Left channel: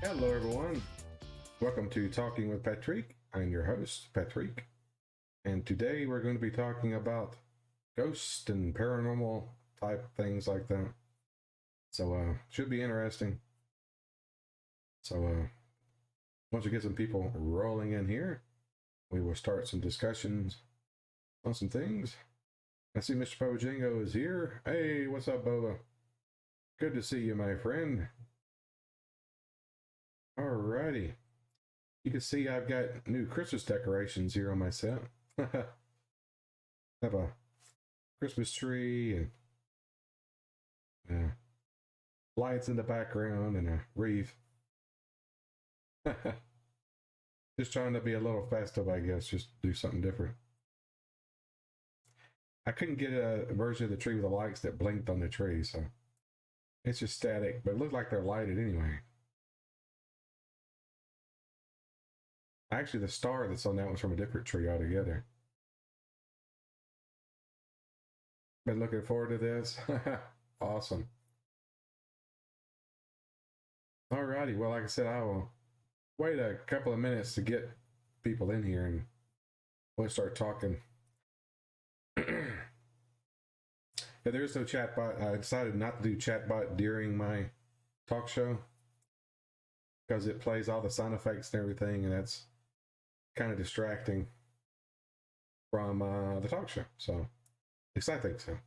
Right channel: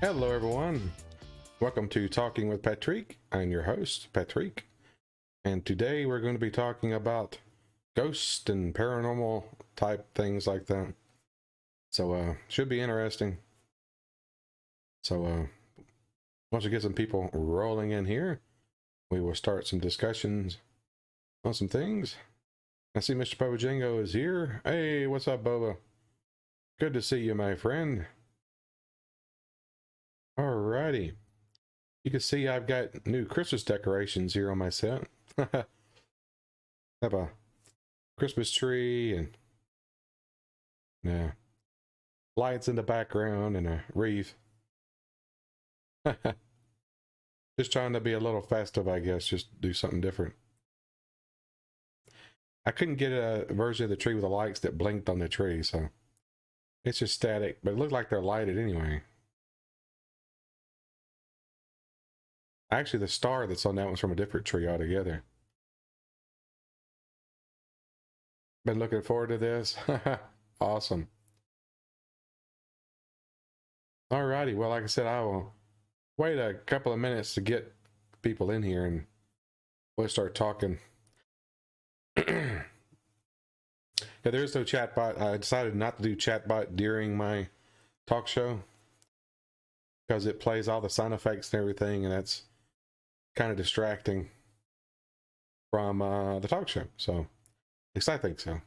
Hello, everyone. Welcome to Talking with Petreak. I'm your host, Petreak. And today we're going to be talking about ghosts and paranormal type things like that. So, should be interesting. So, once we get some people rolling in here, we will start some discussions on some things. I see Mr. Boba Jingo is here. Hey, what's up, Boba? Good to see you, my friend. Alrighty. You can see I've got new Christmas decorations here on my set. Have a Christmas tree and lights in the background and a wreath. Just trying to be a little festive, I guess. Just do something different. I couldn't get a version of the tree with the lights that blinked on the tree, so it's just static, but it looked like they're lighted anyway. Actually, the star that's on that one's from a different tree altogether. Been looking forward to this. Awesome. Alrighty, well, like I said, I will wait a couple of minutes to get people in here and we'll start talking. Yeah, there is no chatbot. I decided not to do chatbot during my talk show because it plays all the sound effects and everything, and that's kind of distracting from the talk show. So, at least I think so.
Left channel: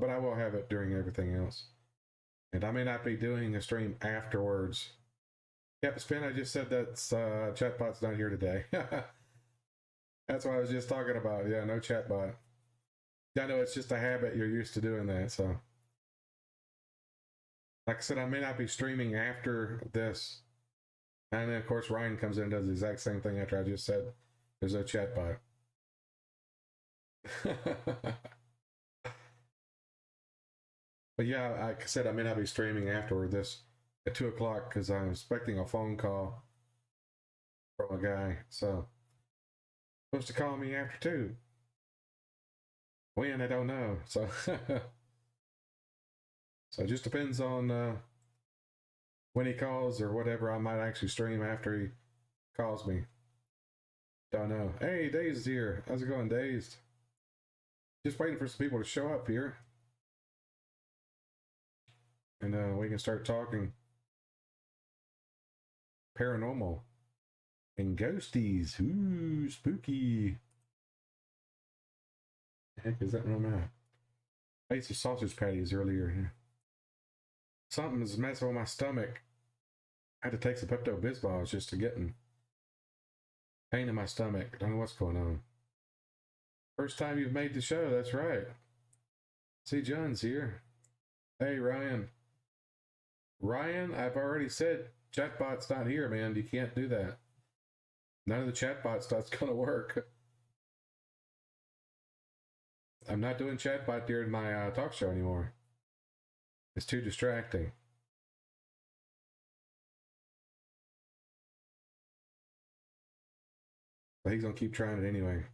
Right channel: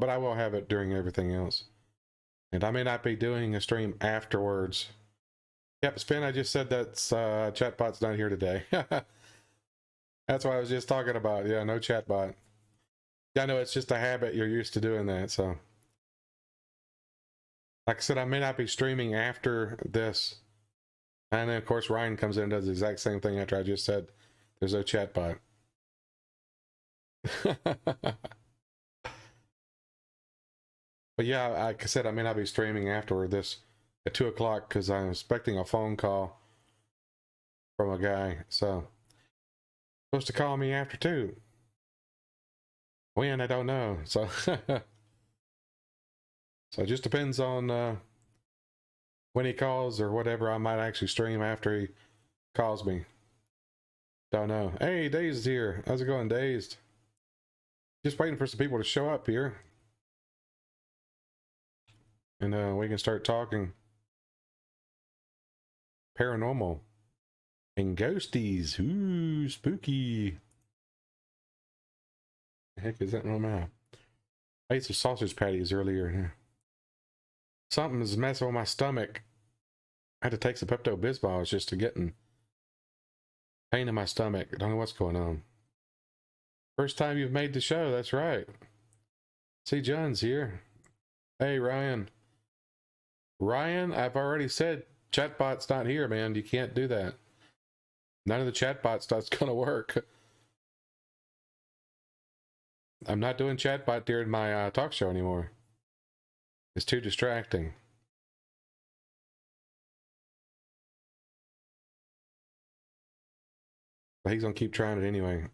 But I will have it during everything else. And I may not be doing a stream afterwards. Yep, Spin, I just said that chatbot's not here today. That's what I was just talking about. Yeah, no chatbot. Yeah, I know it's just a habit. You're used to doing that, so. Like I said, I may not be streaming after this. And then, of course, Ryan comes in and does the exact same thing after I just said there's no chatbot. But yeah, like I said, I may not be streaming afterward this at 2 o'clock because I'm expecting a phone call from a guy. So, supposed to call me after 2. When, I don't know. So, so it just depends on when he calls or whatever. I might actually stream after he calls me. Don't know. Hey, Dazed here. How's it going, Dazed? Just waiting for some people to show up here. And we can start talking paranormal and ghosties. Ooh, spooky. The heck is that on my map? I ate some sausage patties earlier. Something's messing with my stomach. I had to take some Pepto-Bismol just to get pain in my stomach. I don't know what's going on. First time you've made the show, that's right. See, John's here. Hey, Ryan. Ryan, I've already said chatbot's not here, man. You can't do that. None of the chatbot stuff's gonna work. I'm not doing chatbot during my talk show anymore. It's too distracting. But he's gonna keep trying it anyway.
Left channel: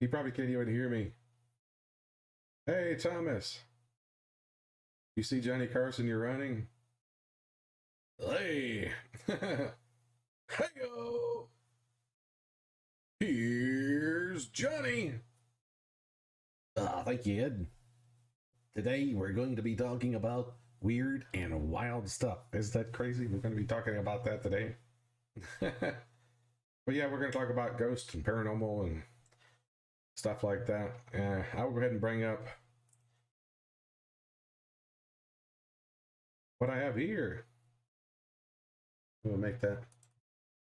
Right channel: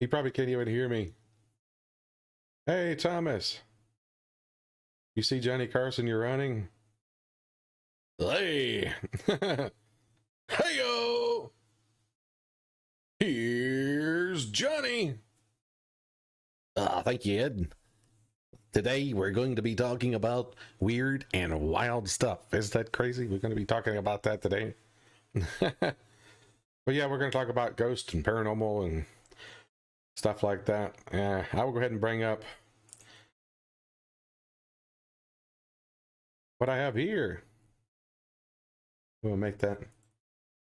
He probably can't even hear me. Hey, Thomas. You see Johnny Carson, you're running? Hey! Hey-o! Here's Johnny! Thank you, Ed. Today we're going to be talking about weird and wild stuff. Is that crazy? We're going to be talking about that today. But yeah, we're going to talk about ghosts and paranormal and stuff like that. I will go ahead and bring up what I have here. We'll make that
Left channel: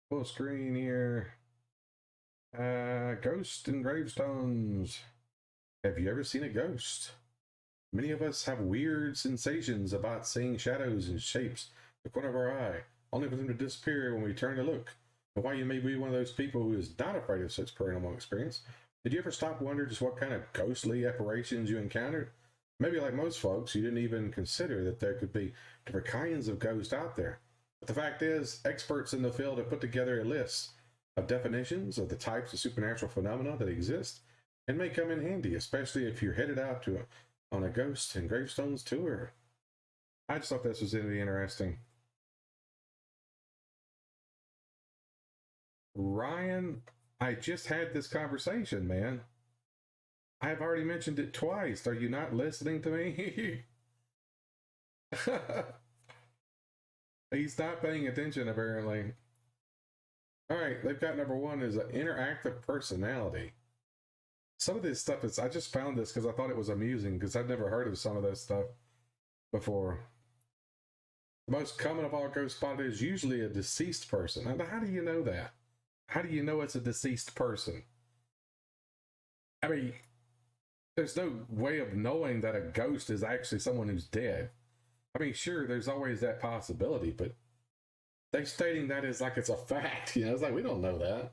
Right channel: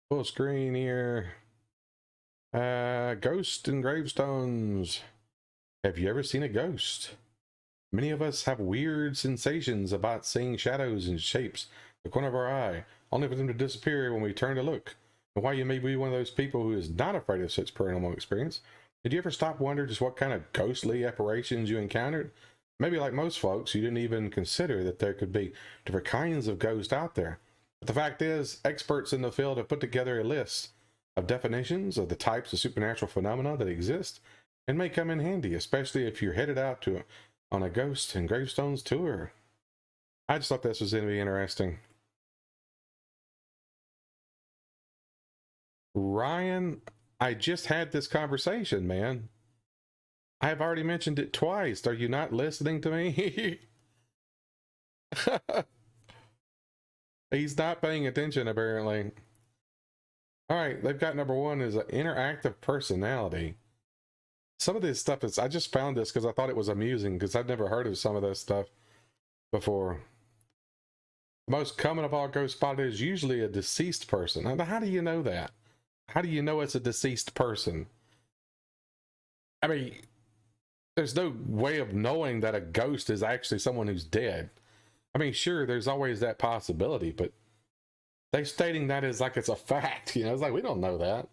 full screen here. Ghosts and gravestones. Have you ever seen a ghost? Many of us have weird sensations about seeing shadows and shapes in the corner of our eye, only for them to disappear when we turn to look. And while you may be one of those people who is not afraid of such paranormal experience, did you ever stop wondering just what kind of ghostly apparitions you encountered? Maybe like most folks, you didn't even consider that there could be different kinds of ghosts out there. But the fact is, experts in the field have put together a list of definitions of the types of supernatural phenomena that exist and may come in handy, especially if you're headed out on a ghost and gravestones tour. I just thought this was going to be interesting. Ryan, I just had this conversation, man. I have already mentioned it twice. Are you not listening to me? He's not paying attention, apparently. All right, they've got number one is an interactive personality. Some of this stuff is, I just found this because I thought it was amusing because I've never heard of some of this stuff before. The most common of all ghost spotted is usually a deceased person. Now, how do you know that? How do you know it's a deceased person? I mean, there's no way of knowing that a ghost is actually someone who's dead. I mean, sure, there's always that possibility, but they're stating that as like it's a fact. You know, it's like, we don't know that.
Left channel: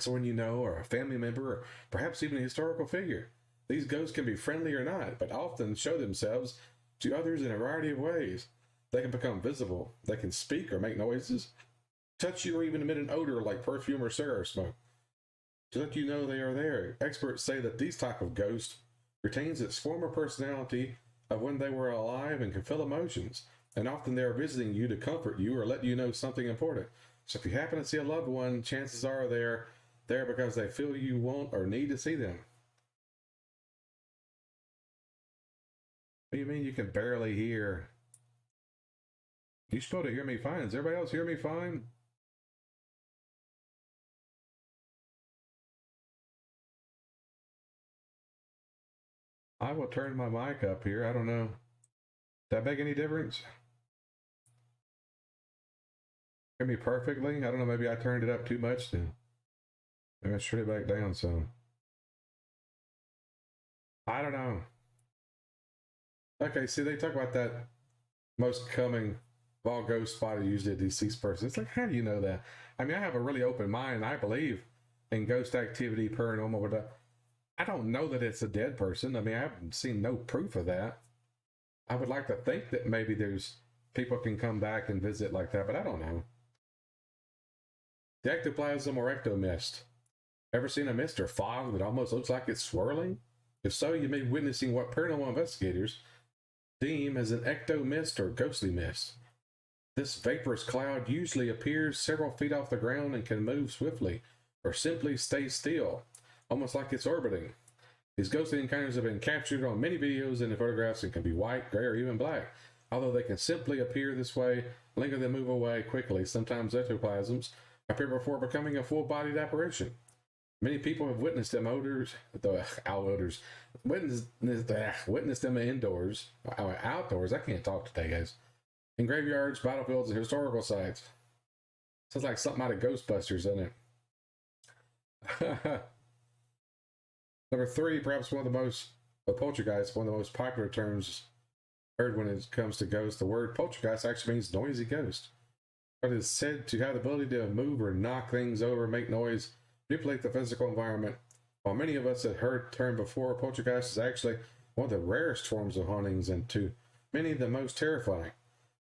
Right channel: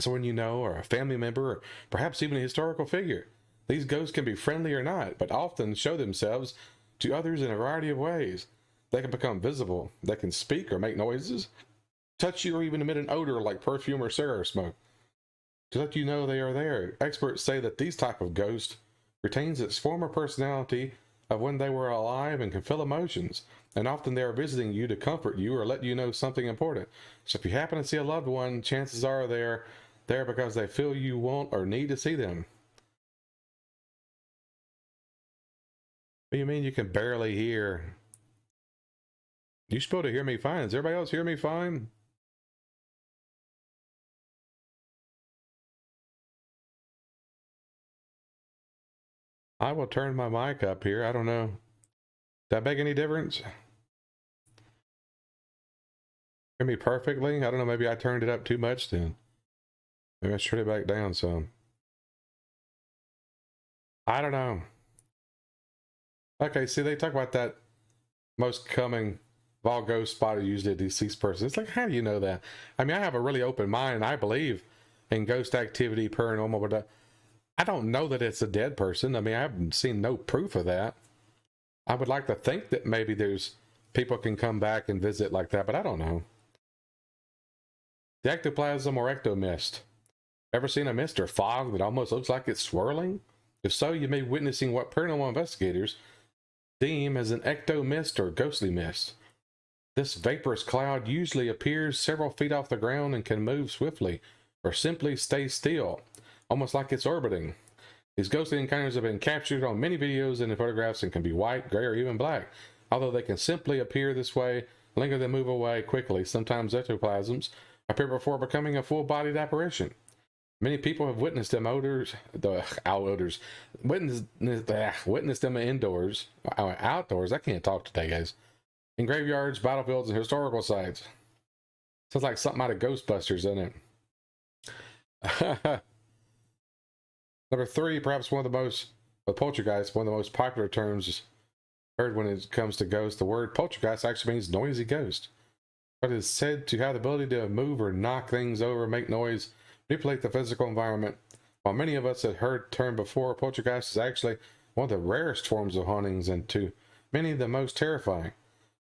Someone you know, or a family member, or perhaps even a historical figure. These ghosts can be friendly or not, but often show themselves to others in a variety of ways. They can become visible. They can speak or make noises, touch you, or even emit an odor like perfume or cigarette smoke to let you know they are there. Experts say that these type of ghost retains its former personality of when they were alive and can feel emotions, and often they are visiting you to comfort you or let you know something important. So if you happen to see a loved one, chances are they're there because they feel you want or need to see them. What do you mean you can barely hear? You're supposed to hear me fine. Does everybody else hear me fine? I will turn my mic up here. I don't know. Did that make any difference? Hear me perfectly? I don't know. Maybe I turned it up too much then. Maybe I should turn it back down some. I don't know. Okay, see, they talk about that most common of all ghost spotted usually a deceased person. It's like, how do you know that? I mean, I have a really open mind. I believe in ghost activity, paranormal, but I don't know that it's a dead person. I mean, I haven't seen no proof of that. I would like to think that maybe there's people can come back and visit like that, but I don't know. The ectoplasm or ectomist. Ever seen a mist or fog that almost looks like it's swirling? If so, you may be witnessing what paranormal investigators deem as an ectomist or ghostly mist. This vaporous cloud usually appears several feet off the ground and can move swiftly or simply stay still, almost like it's orbiting. These ghostly encounters have been captured on many videos and in photographs and can be white, gray, or even black. Although they can simply appear this way, linger, then move away quickly. Sometimes ectoplasms appear before becoming a full-bodied apparition. Many people have witnessed them witnessed them indoors, outdoors. I can't talk today, guys. In graveyards, battlefields, and historical sites. Sounds like something out of Ghostbusters, doesn't it? Number three, perhaps one of the most, poltergeist, one of the most popular terms heard when it comes to ghosts. The word poltergeist actually means noisy ghost. But it is said to have the ability to move or knock things over, make noise, manipulate the physical environment. While many of us had heard the term before, poltergeist is actually one of the rarest forms of hauntings and to many the most terrifying.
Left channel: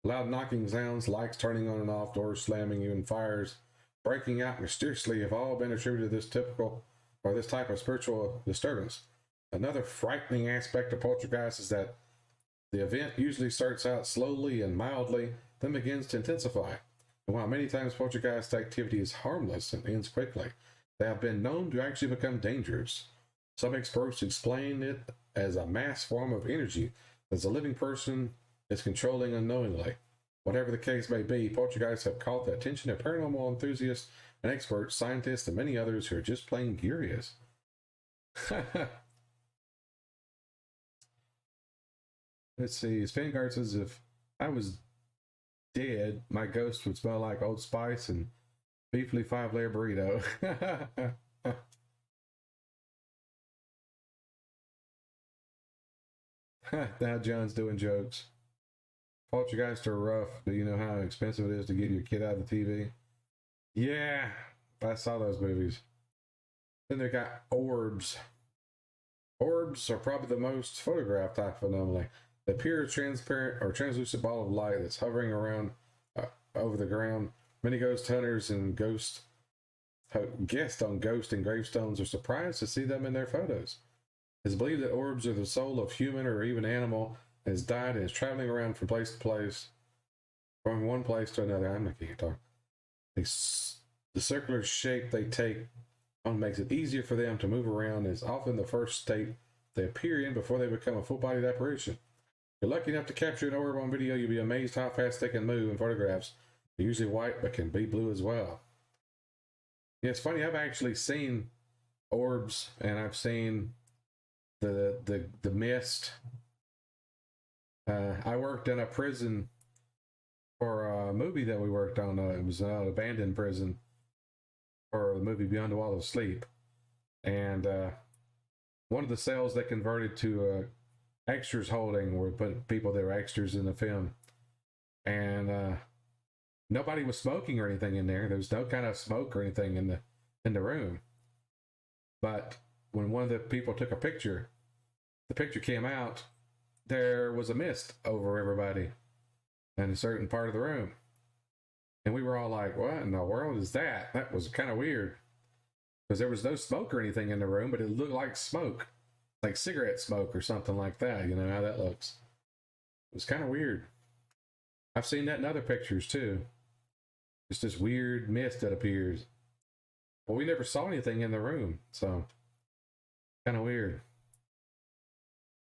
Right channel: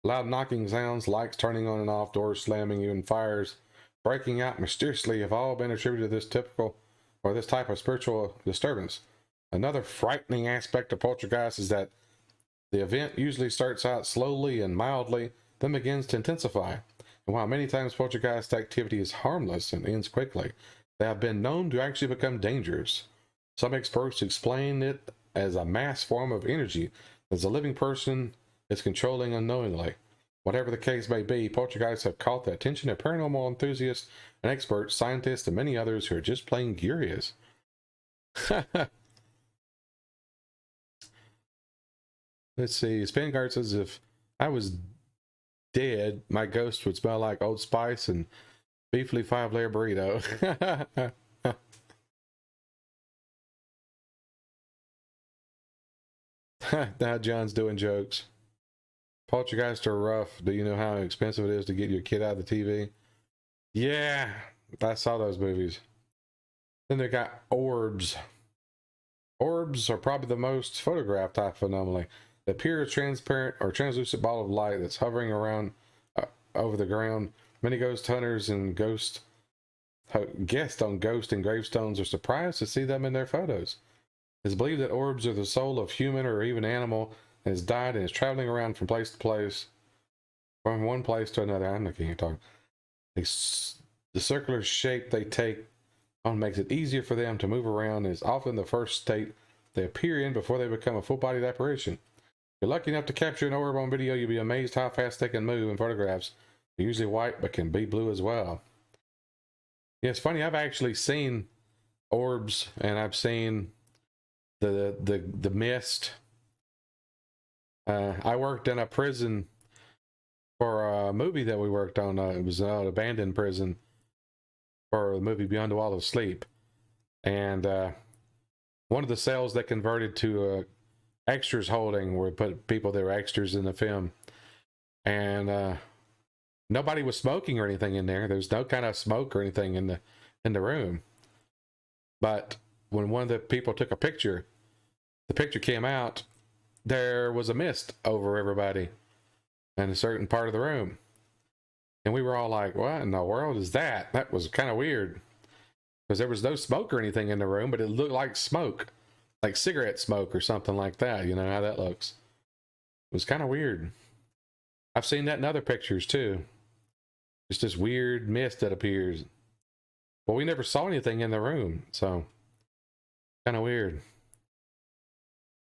Loud knocking sounds, lights turning on and off, doors slamming, even fires breaking out mysteriously have all been attributed to this type of spiritual disturbance. Another frightening aspect of poltergeist is that the event usually starts out slowly and mildly, then begins to intensify. And while many times poltergeist activity is harmless and ends quickly, they have been known to actually become dangerous. Some experts explain it as a mass form of energy that a living person is controlling unknowingly. Whatever the case may be, poltergeists have caught the attention of paranormal enthusiasts and experts, scientists, and many others who are just plain curious. Let's see. Spangard says, if I was dead, my ghost would smell like Old Spice and beefly 5-layer burrito. Now John's doing jokes. Poltergeists are rough. Do you know how expensive it is to get your kid out of the TV? Yeah, I saw those movies. Then they got orbs. Orbs are probably the most photographed type of anomaly. They appear as transparent or translucent ball of light that's hovering around over the ground. Many ghost hunters and guests on ghost and gravestones are surprised to see them in their photos. It's believed that orbs are the soul of human or even animal has died and is traveling around from place to place, from one place to another. I'm not can't talk. The circular shape they take on makes it easier for them to move around and is often the first state they appear in before they become a full-bodied apparition. If you're lucky enough to capture an orb on video, you'll be amazed how fast they can move in photographs. They're usually white, but can be blue as well. Yeah, it's funny. I've actually seen orbs, and I've seen the mist. I worked in a prison for a movie that we worked on. It was an abandoned prison for the movie Beyond the Wall of Sleep, and one of the cells that converted to extras holding, where we put people that were extras in the film, and nobody was smoking or anything in there. There was no kind of smoke or anything in the room. But when one of the people took a picture, the picture came out, there was a mist over everybody in a certain part of the room. And we were all like, what in the world is that? That was kind of weird. Because there was no smoke or anything in the room, but it looked like smoke. Like cigarette smoke or something like that. You know how that looks. It was kind of weird. I've seen that in other pictures too. Just this weird mist that appears. But we never saw anything in the room, so kind of weird.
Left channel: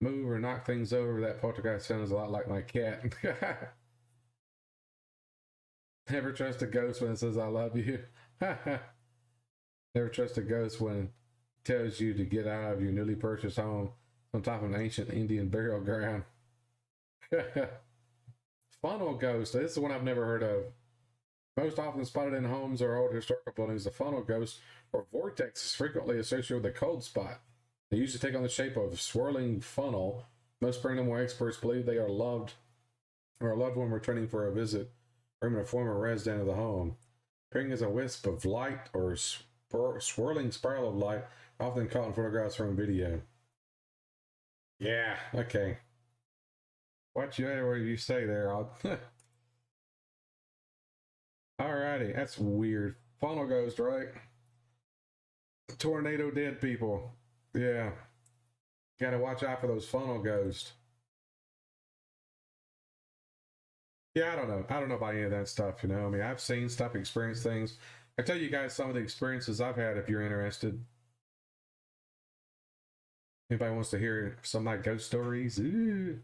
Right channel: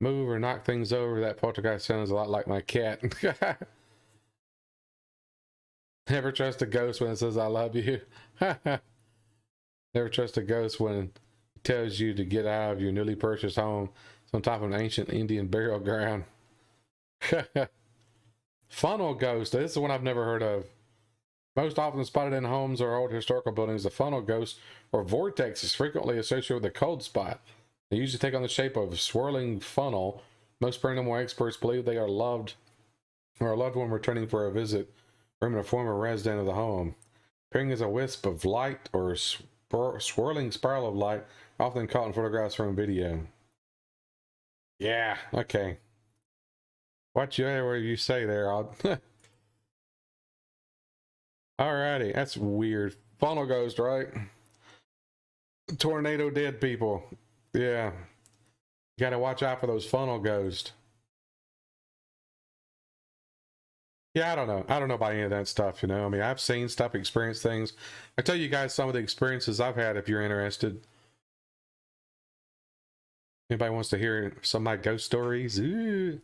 Move or knock things over. That poltergeist sounds a lot like my cat. Never trust a ghost when it says I love you. Never trust a ghost when it tells you to get out of your newly purchased home. It's on top of an ancient Indian burial ground. Funnel ghost. This is one I've never heard of. Most often spotted in homes or old historical buildings, the funnel ghost or vortex is frequently associated with a cold spot. They usually take on the shape of a swirling funnel. Most paranormal experts believe they are loved or a loved one returning for a visit, or even a former resident of the home. Appearing as a wisp of light or a swirling spiral of light, often caught in photographs from video. Yeah, okay. Whatever you say there, Alrighty, that's weird. Funnel ghost, right? Tornado dead people. Yeah. You gotta watch out for those funnel ghosts. Yeah, I don't know. I don't know about any of that stuff, you know. I mean, I've seen stuff, experienced things. I tell you guys some of the experiences I've had if you're interested. Anybody wants to hear some of my ghost stories? Ooh.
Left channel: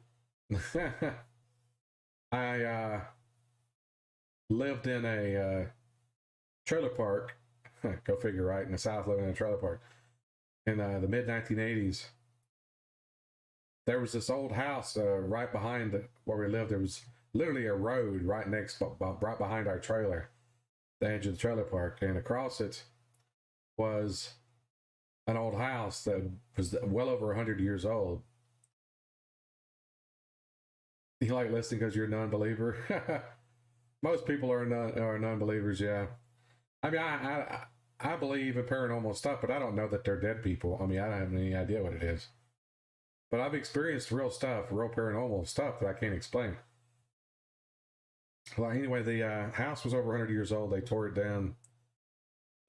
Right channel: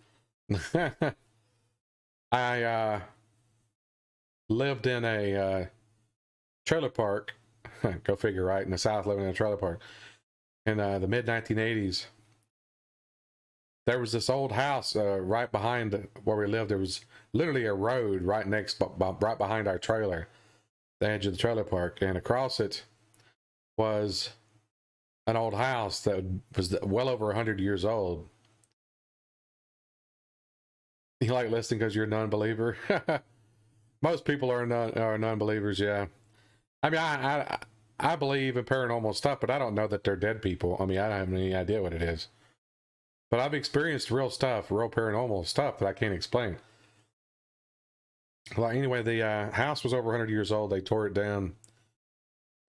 I lived in a trailer park. Go figure, right? In the South, living in a trailer park. In the mid-1980s. There was this old house right behind where we lived. There was literally a road right behind our trailer, the edge of the trailer park, and across it was an old house that was well over 100 years old. You like listening because you're a non-believer? Most people are non-believers, yeah. I mean, I believe in paranormal stuff, but I don't know that they're dead people. I mean, I don't have any idea what it is. But I've experienced real stuff, real paranormal stuff that I can't explain. Well, anyway, the house was over 100 years old. They tore it down.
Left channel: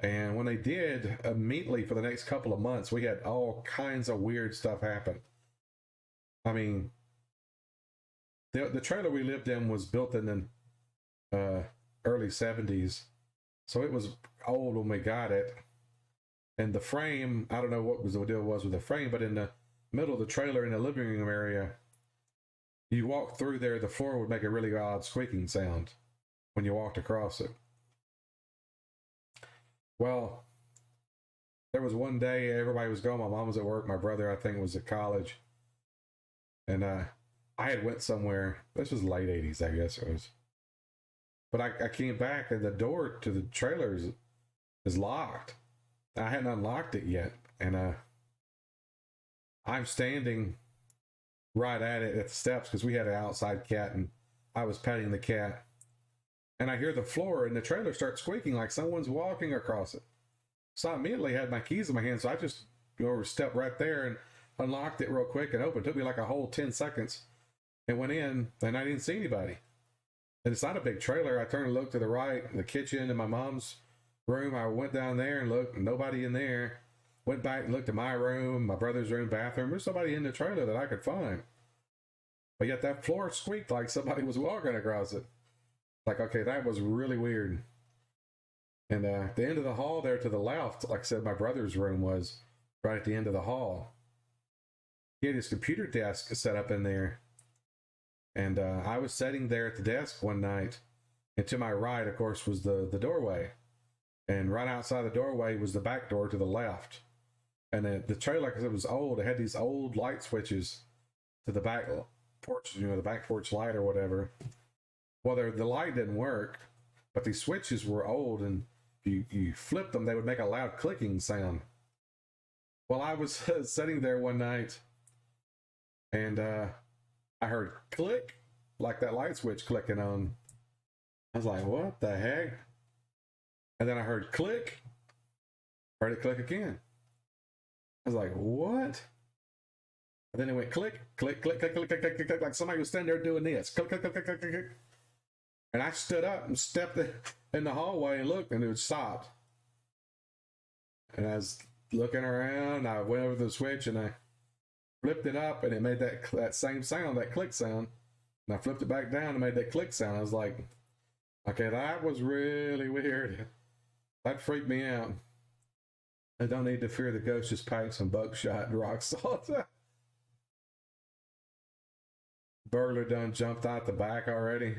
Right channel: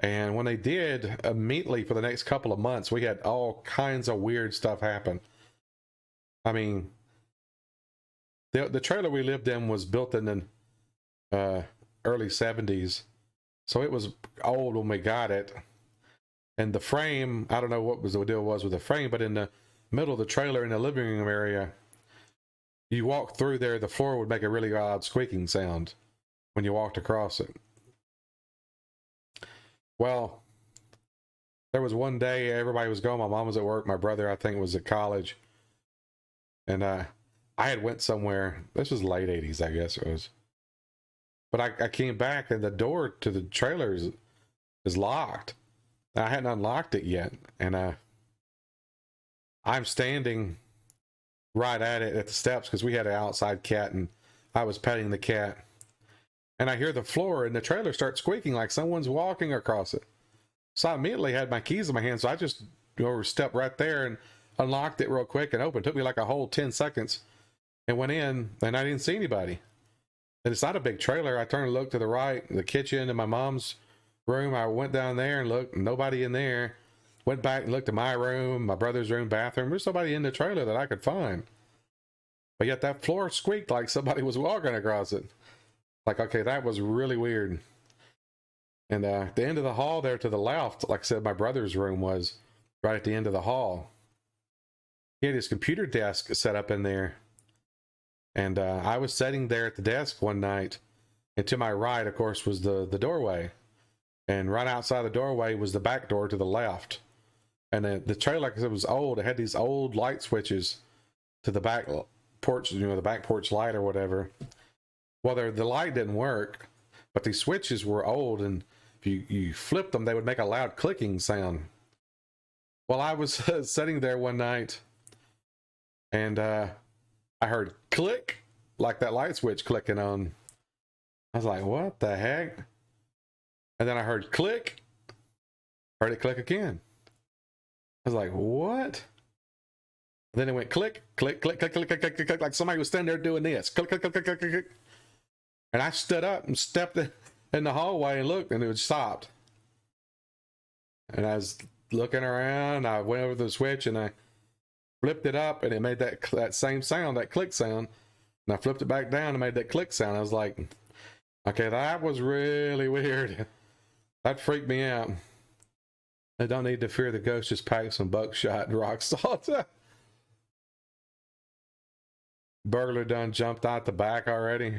And when they did, immediately for the next couple of months, we had all kinds of weird stuff happen. I mean, the trailer we lived in was built in the early 70s. So it was old when we got it. And the frame, I don't know what the deal was with the frame, but in the middle of the trailer in the living room area, you walk through there, the floor would make a really odd squeaking sound when you walked across it. Well, there was one day everybody was gone. My mom was at work. My brother, I think, was at college. And I had went somewhere. This was late 80s, I guess it was. But I came back and the door to the trailer is locked. I hadn't unlocked it yet. And I'm standing right at it at the steps because we had an outside cat and I was petting the cat. And I hear the floor in the trailer start squeaking like someone's walking across it. So I immediately had my keys in my hand. So I just stepped right there and unlocked it real quick and opened. It took me like a whole 10 seconds and went in and I didn't see anybody. And it's not a big trailer. I turned and looked to the right, the kitchen and my mom's room. I went down there and looked, nobody in there. Went back and looked at my room, my brother's room, bathroom. There's nobody in the trailer that I could find. but yet that floor squeaked like somebody was walking across it. Like, okay, that was really weird. And at the end of the hall there to the left, like I said, my brother's room was right at the end of the hall. He had his computer desk set up in there. And I was sitting there at the desk one night, and to my right, of course, was the doorway. And right outside the doorway was the back door to the left. And the trailer, like I said, was old. It had these old light switches to the back porch, the back porch light or whatever. Well, the light didn't work, but these switches were old, and if you flipped them, they would make a loud clicking sound. Well, I was sitting there one night, and I heard click, like that light switch clicking on. I was like, what the heck? And then I heard click, heard it click again. I was like, what? And then it went click, click, click, click, click, click, click, click, click, like somebody was standing there doing this. Click, click, click, click, click, click, click. And I stood up and stepped in the hallway and looked, and it stopped. And I was looking around, I went over to the switch, and I flipped it up, and it made that same sound, that click sound. And I flipped it back down and made that click sound. I was like, okay, that was really weird. That freaked me out. I don't need to fear the ghost, just pack some buckshot and rock salt. Burglar done jumped out the back already.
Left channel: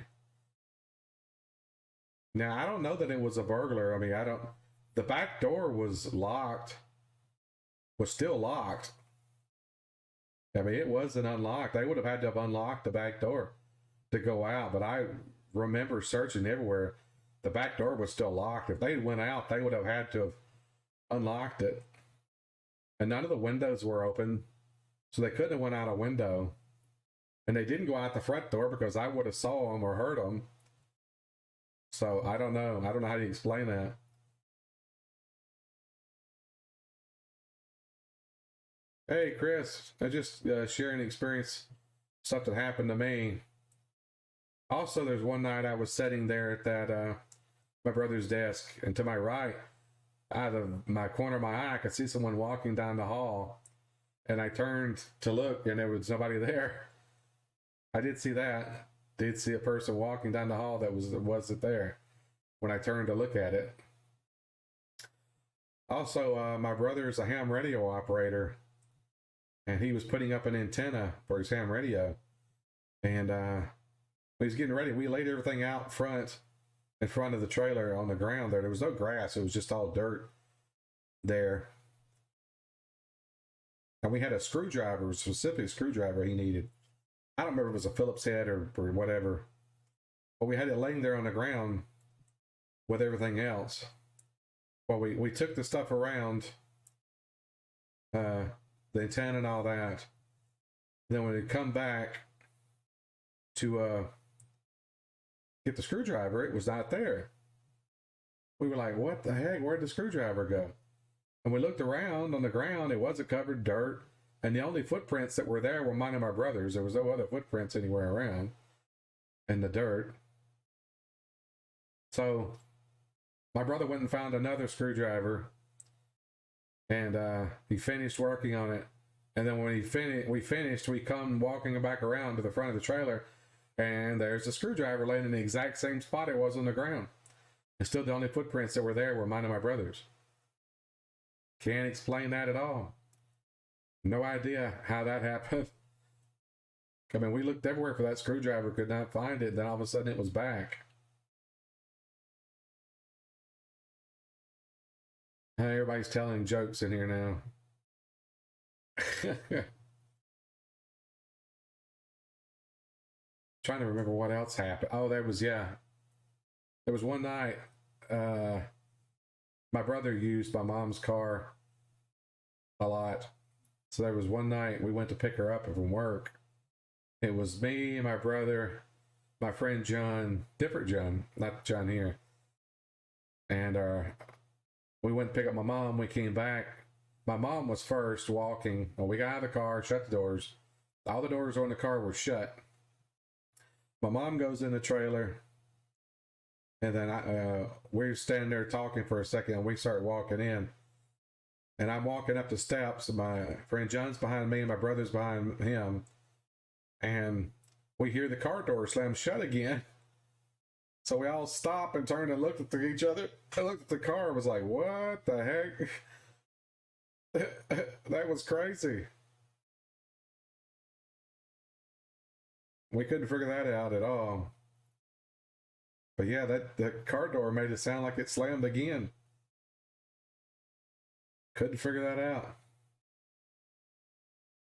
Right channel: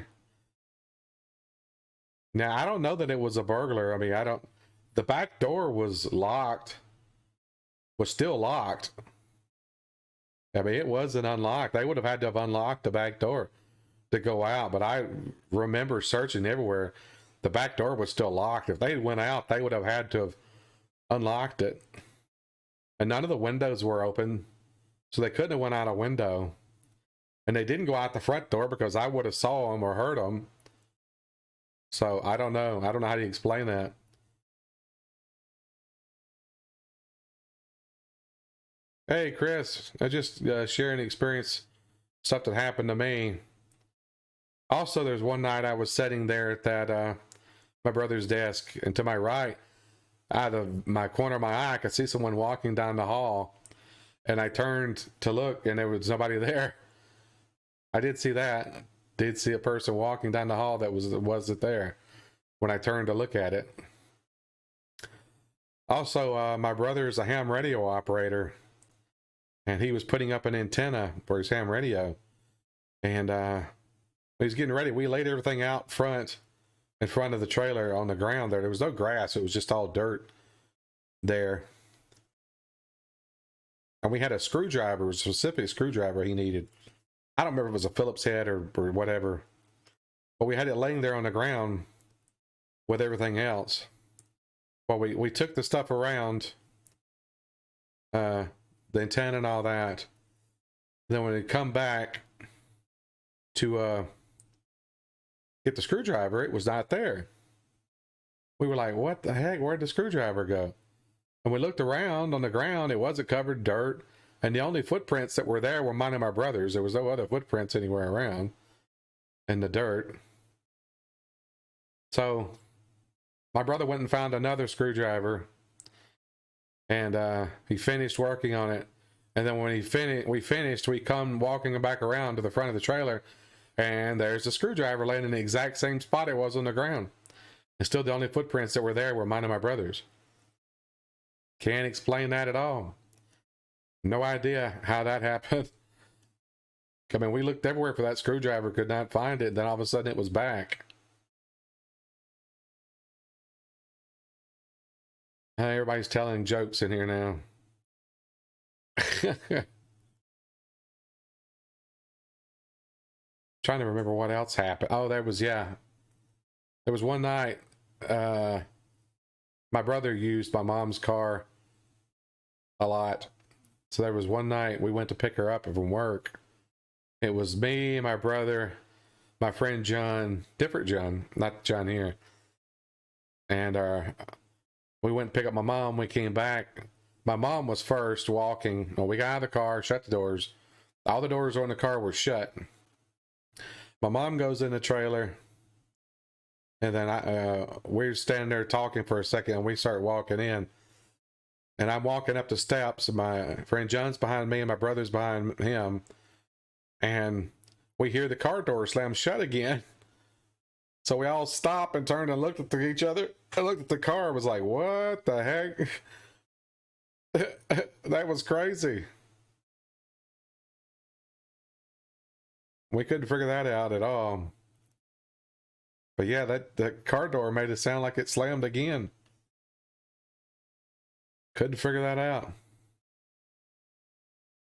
Now, I don't know that it was a burglar. I mean, the back door was locked, was still locked. I mean, it wasn't unlocked. They would have had to have unlocked the back door to go out, but I remember searching everywhere. The back door was still locked. If they went out, they would have had to have unlocked it. And none of the windows were open, so they couldn't have went out a window. And they didn't go out the front door because I would have saw them or heard them. So I don't know. I don't know how to explain that. Hey, Chris, I just sharing experience, stuff that happened to me. Also, there's one night I was sitting there at that my brother's desk, and to my right, out of my corner of my eye, I could see someone walking down the hall, and I turned to look, and there was nobody there. I did see that. Did see a person walking down the hall that wasn't there when I turned to look at it. Also, my brother is a ham radio operator, and he was putting up an antenna for his ham radio, and he's getting ready. We laid everything out front, in front of the trailer on the ground there. There was no grass. It was just all dirt there. And we had a screwdriver, a specific screwdriver he needed. I don't remember if it was a Phillips head or whatever, but we had it laying there on the ground with everything else. Well, we took the stuff around, the antenna and all that. Then when it come back to get the screwdriver, it was not there. We were like, what the heck? Where'd the screwdriver go? And we looked around on the ground. It wasn't covered dirt. And the only footprints that were there were mine and my brother's. There was no other footprints anywhere around in the dirt. So my brother went and found another screwdriver, and he finished working on it. And then when we finished, we come walking back around to the front of the trailer, and there's the screwdriver laying in the exact same spot it was on the ground. And still the only footprints that were there were mine and my brother's. Can't explain that at all. No idea how that happened. I mean, we looked everywhere for that screwdriver, could not find it. Then all of a sudden it was back. Everybody's telling jokes in here now. Trying to remember what else happened. Oh, there was one night my brother used my mom's car a lot. So there was one night we went to pick her up from work. It was me, my brother, my friend John, different John, not John here. And we went to pick up my mom. We came back. My mom was first walking. Well, we got out of the car, shut the doors. All the doors on the car were shut. My mom goes in the trailer. And then we're standing there talking for a second, and we start walking in. And I'm walking up the steps, and my friend John's behind me, and my brother's behind him. And we hear the car door slam shut again. So we all stopped and turned and looked at each other. I looked at the car and was like, what the heck? That was crazy. We couldn't figure that out at all. But yeah, that car door made it sound like it slammed again. Couldn't figure that out.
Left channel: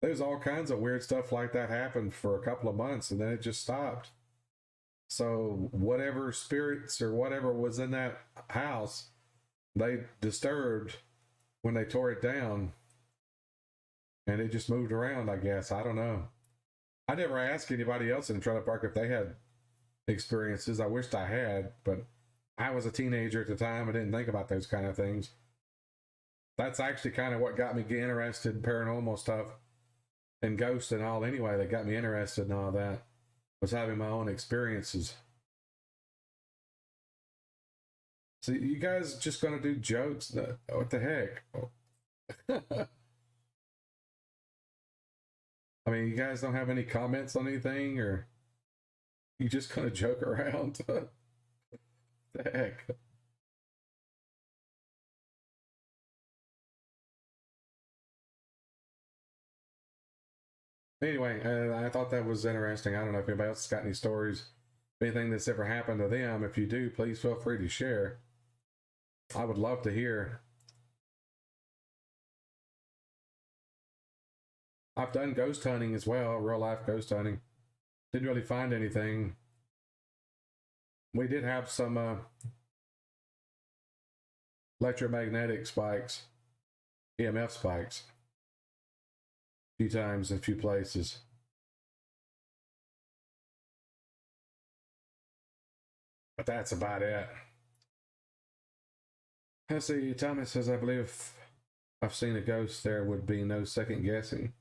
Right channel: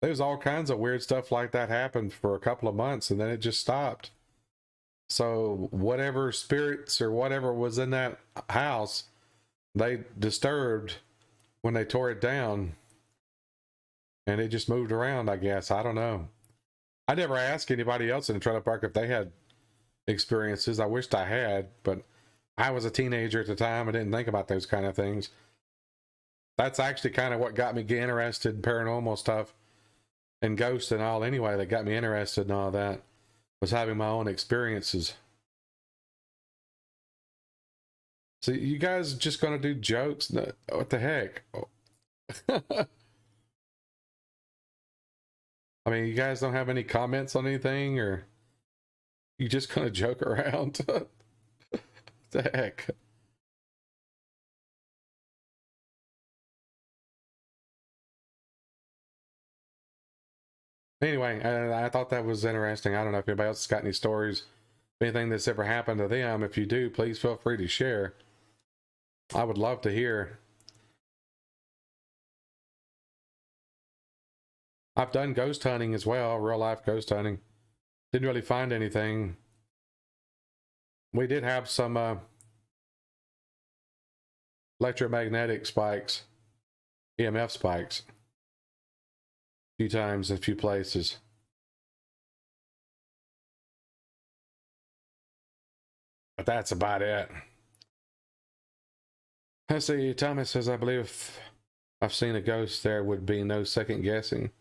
There was all kinds of weird stuff like that happened for a couple of months, and then it just stopped. So whatever spirits or whatever was in that house, they disturbed when they tore it down, and it just moved around, I guess. I don't know. I never asked anybody else in the trailer park if they had experiences. I wished I had, but I was a teenager at the time. I didn't think about those kind of things. That's actually kind of what got me interested in paranormal stuff and ghosts and all anyway. That got me interested in all that was having my own experiences. So you guys just gonna do jokes? No, what the heck? I mean, you guys don't have any comments on anything, or you just gonna joke around? What the heck? Anyway, I thought that was interesting. I don't know if anybody else has got any stories, anything that's ever happened to them. If you do, please feel free to share. I would love to hear. I've done ghost hunting as well, real life ghost hunting. Didn't really find anything. We did have some electromagnetic spikes, EMF spikes, a few times in a few places. But that's about it. Let's see, Thomas says, I believe if I've seen a ghost, there would be no second guessing,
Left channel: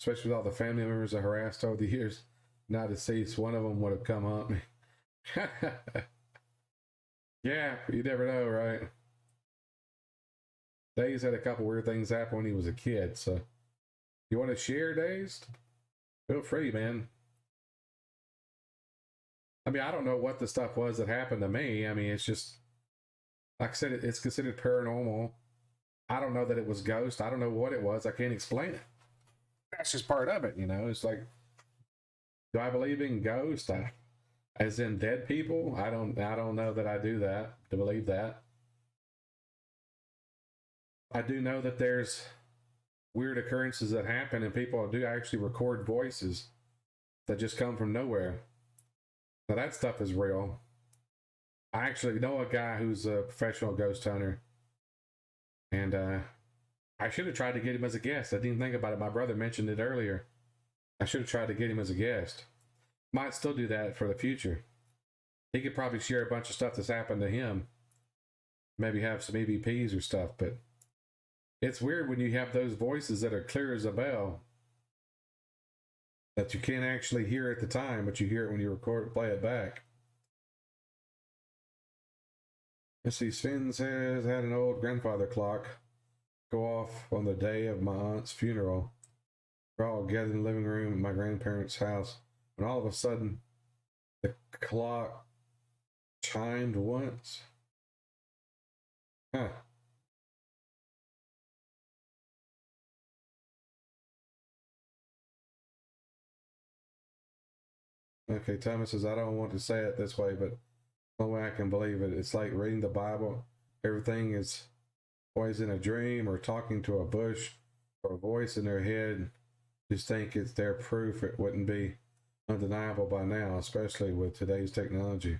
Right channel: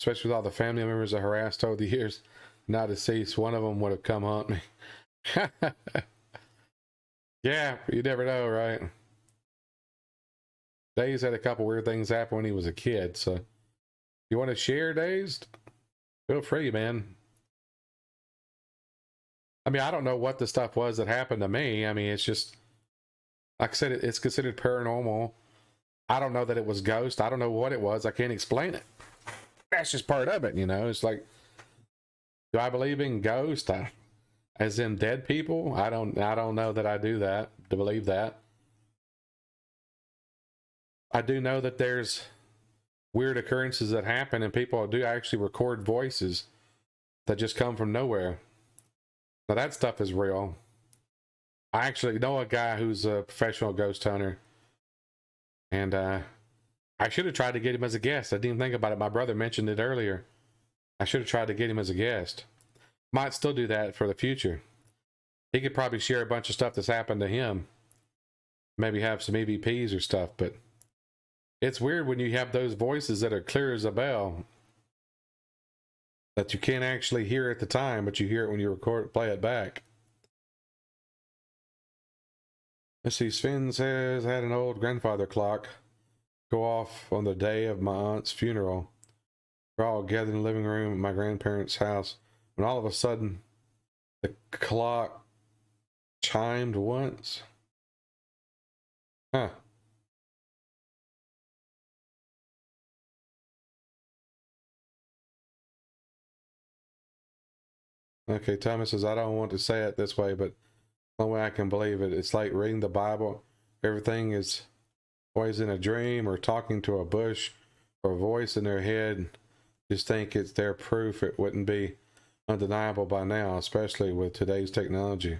especially with all the family members I harassed over the years. Now deceased, one of them would have come haunt me. Yeah, you never know, right? Days had a couple weird things happen when he was a kid, so you want to share, Days? Feel free, man. I mean, I don't know what the stuff was that happened to me. I mean, it's just, like I said, it's considered paranormal. I don't know that it was ghost. I don't know what it was. I can't explain it. That's just part of it, you know? It's like, do I believe in ghosts? As in dead people? I don't know that I do that, to believe that. I do know that there's weird occurrences that happen and people do actually record voices that just come from nowhere. Now that stuff is real. I actually know a guy who's a professional ghost hunter, and I should have tried to get him as a guest. I didn't even think about it. My brother mentioned it earlier. I should have tried to get him as a guest. Might still do that for the future. He could probably share a bunch of stuff that's happened to him. Maybe have some EVPs or stuff, but it's weird when you have those voices that are clear as a bell that you can't actually hear at the time, but you hear it when you play it back. Let's see, Sven says, I had an old grandfather clock go off on the day of my aunt's funeral. We're all gathered in the living room at my grandparents' house when all of a sudden the clock chimed once. Huh. Okay, Thomas says, I don't want to say it this way, but the only way I can believe it, it's like reading the Bible. Everything is always in a dream or talking to a bush or a voice in their head. Just think it's their proof. It wouldn't be undeniable by now, especially with today's technology.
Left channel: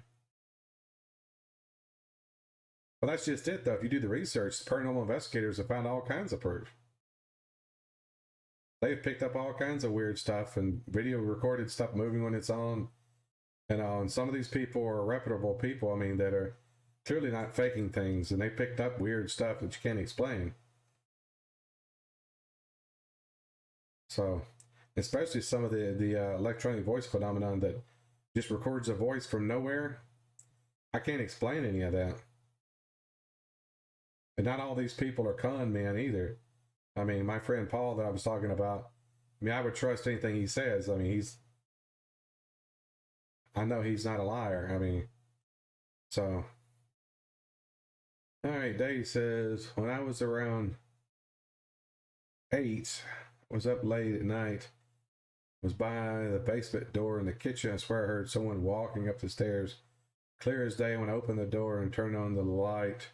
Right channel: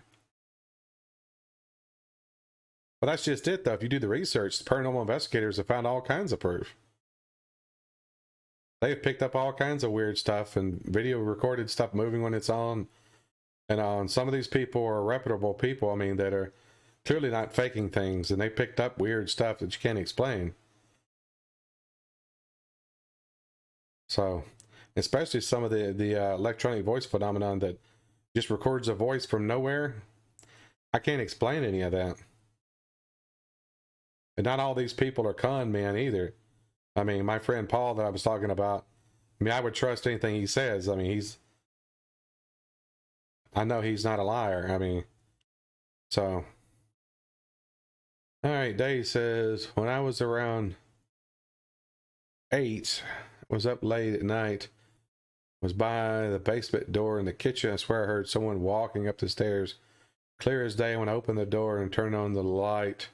But that's just it, though. If you do the research, the paranormal investigators have found all kinds of proof. They've picked up all kinds of weird stuff and video recorded stuff moving when it's on. And some of these people are reputable people, I mean, that are clearly not faking things. And they picked up weird stuff that you can't explain. So, especially some of the electronic voice phenomenon that just records a voice from nowhere. I can't explain any of that. And not all these people are con men either. I mean, my friend Paul that I was talking about, I mean, I would trust anything he says. I mean, I know he's not a liar. I mean, so. All right, Dave says, when I was around 8, was up late at night, was by the basement door in the kitchen. I swear I heard someone walking up the stairs. Clear as day when I opened the door and turned on the light.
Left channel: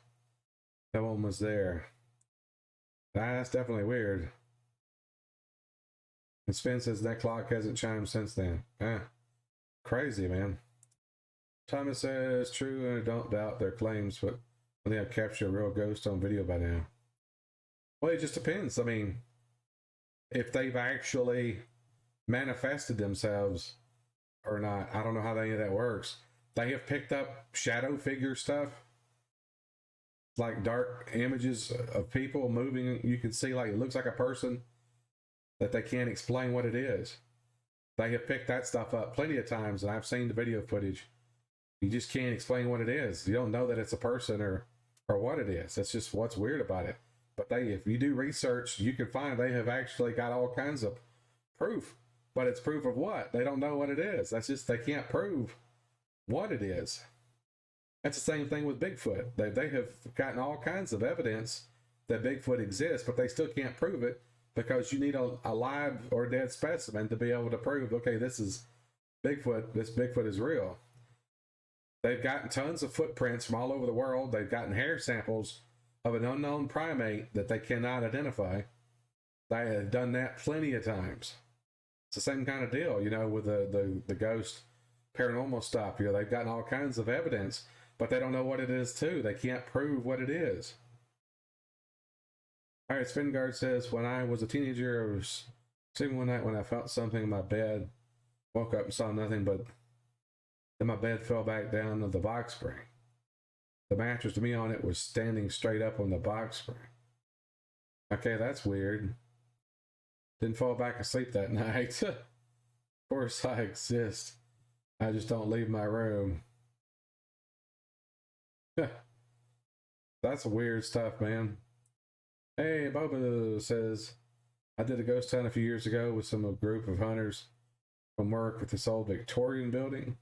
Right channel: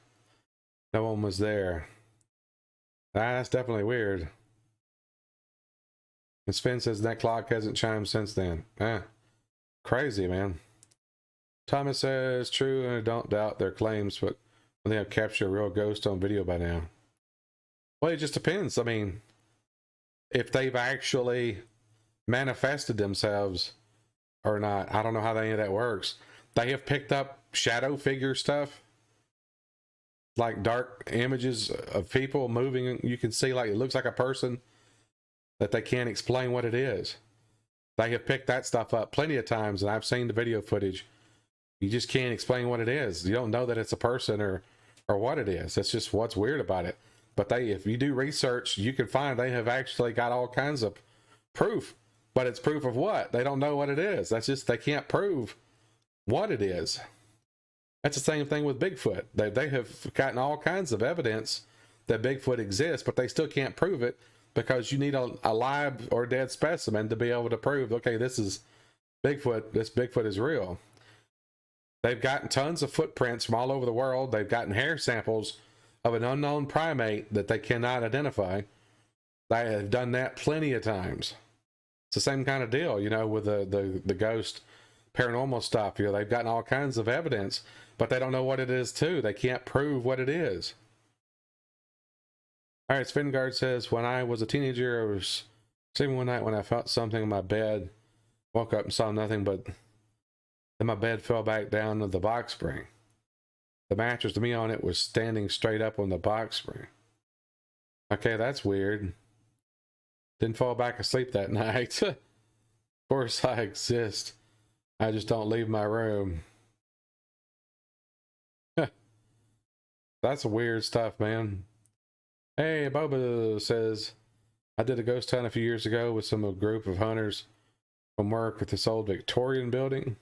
No one was there. That's definitely weird. And Sven says that clock hasn't chimed since then. Crazy, man. Thomas says, true, and I don't doubt their claims, but when they have captured a real ghost on video by now. Well, it just depends. I mean, if they've actually manifested themselves or not, I don't know how any of that works. They have picked up shadow figure stuff, like dark images of people moving. You can see, like, it looks like a person that they can't explain what it is. They have picked that stuff up plenty of times, and I've seen the video footage. You just can't explain what it is. You don't know that it's a person or what it is. That's just what's weird about it. But if you do research, you can find they have actually got all kinds of proof. But it's proof of what? They don't know what it is. That's just, they can't prove what it is. That's the same thing with Bigfoot. They have gotten all kinds of evidence that Bigfoot exists, but they still can't prove it because you need a live or dead specimen to be able to prove, okay, this is Bigfoot. This Bigfoot is real. They've gotten tons of footprints from all over the world. They've gotten hair samples of an unknown primate that they cannot identify. They have done that plenty of times. It's the same kind of deal, you know, with the ghost paranormal stuff. You know, they've gotten all kinds of evidence, but they don't know what it is too. They can't prove what it is. All right, Svengard says, when I was a teenager, I was sleeping one night when I felt something in my bed. Woke up and saw nothing, but then my bed fell back down to the box spring. The mattress to me on it was standing straight up on the box spring. Okay, that's weird. Didn't fall back asleep that night. Of course I exist. I just don't leave my room. That's weird stuff, man. Hey, Boba says, I did a ghost hunt a few years ago with a group of hunters from work at this old Victorian building.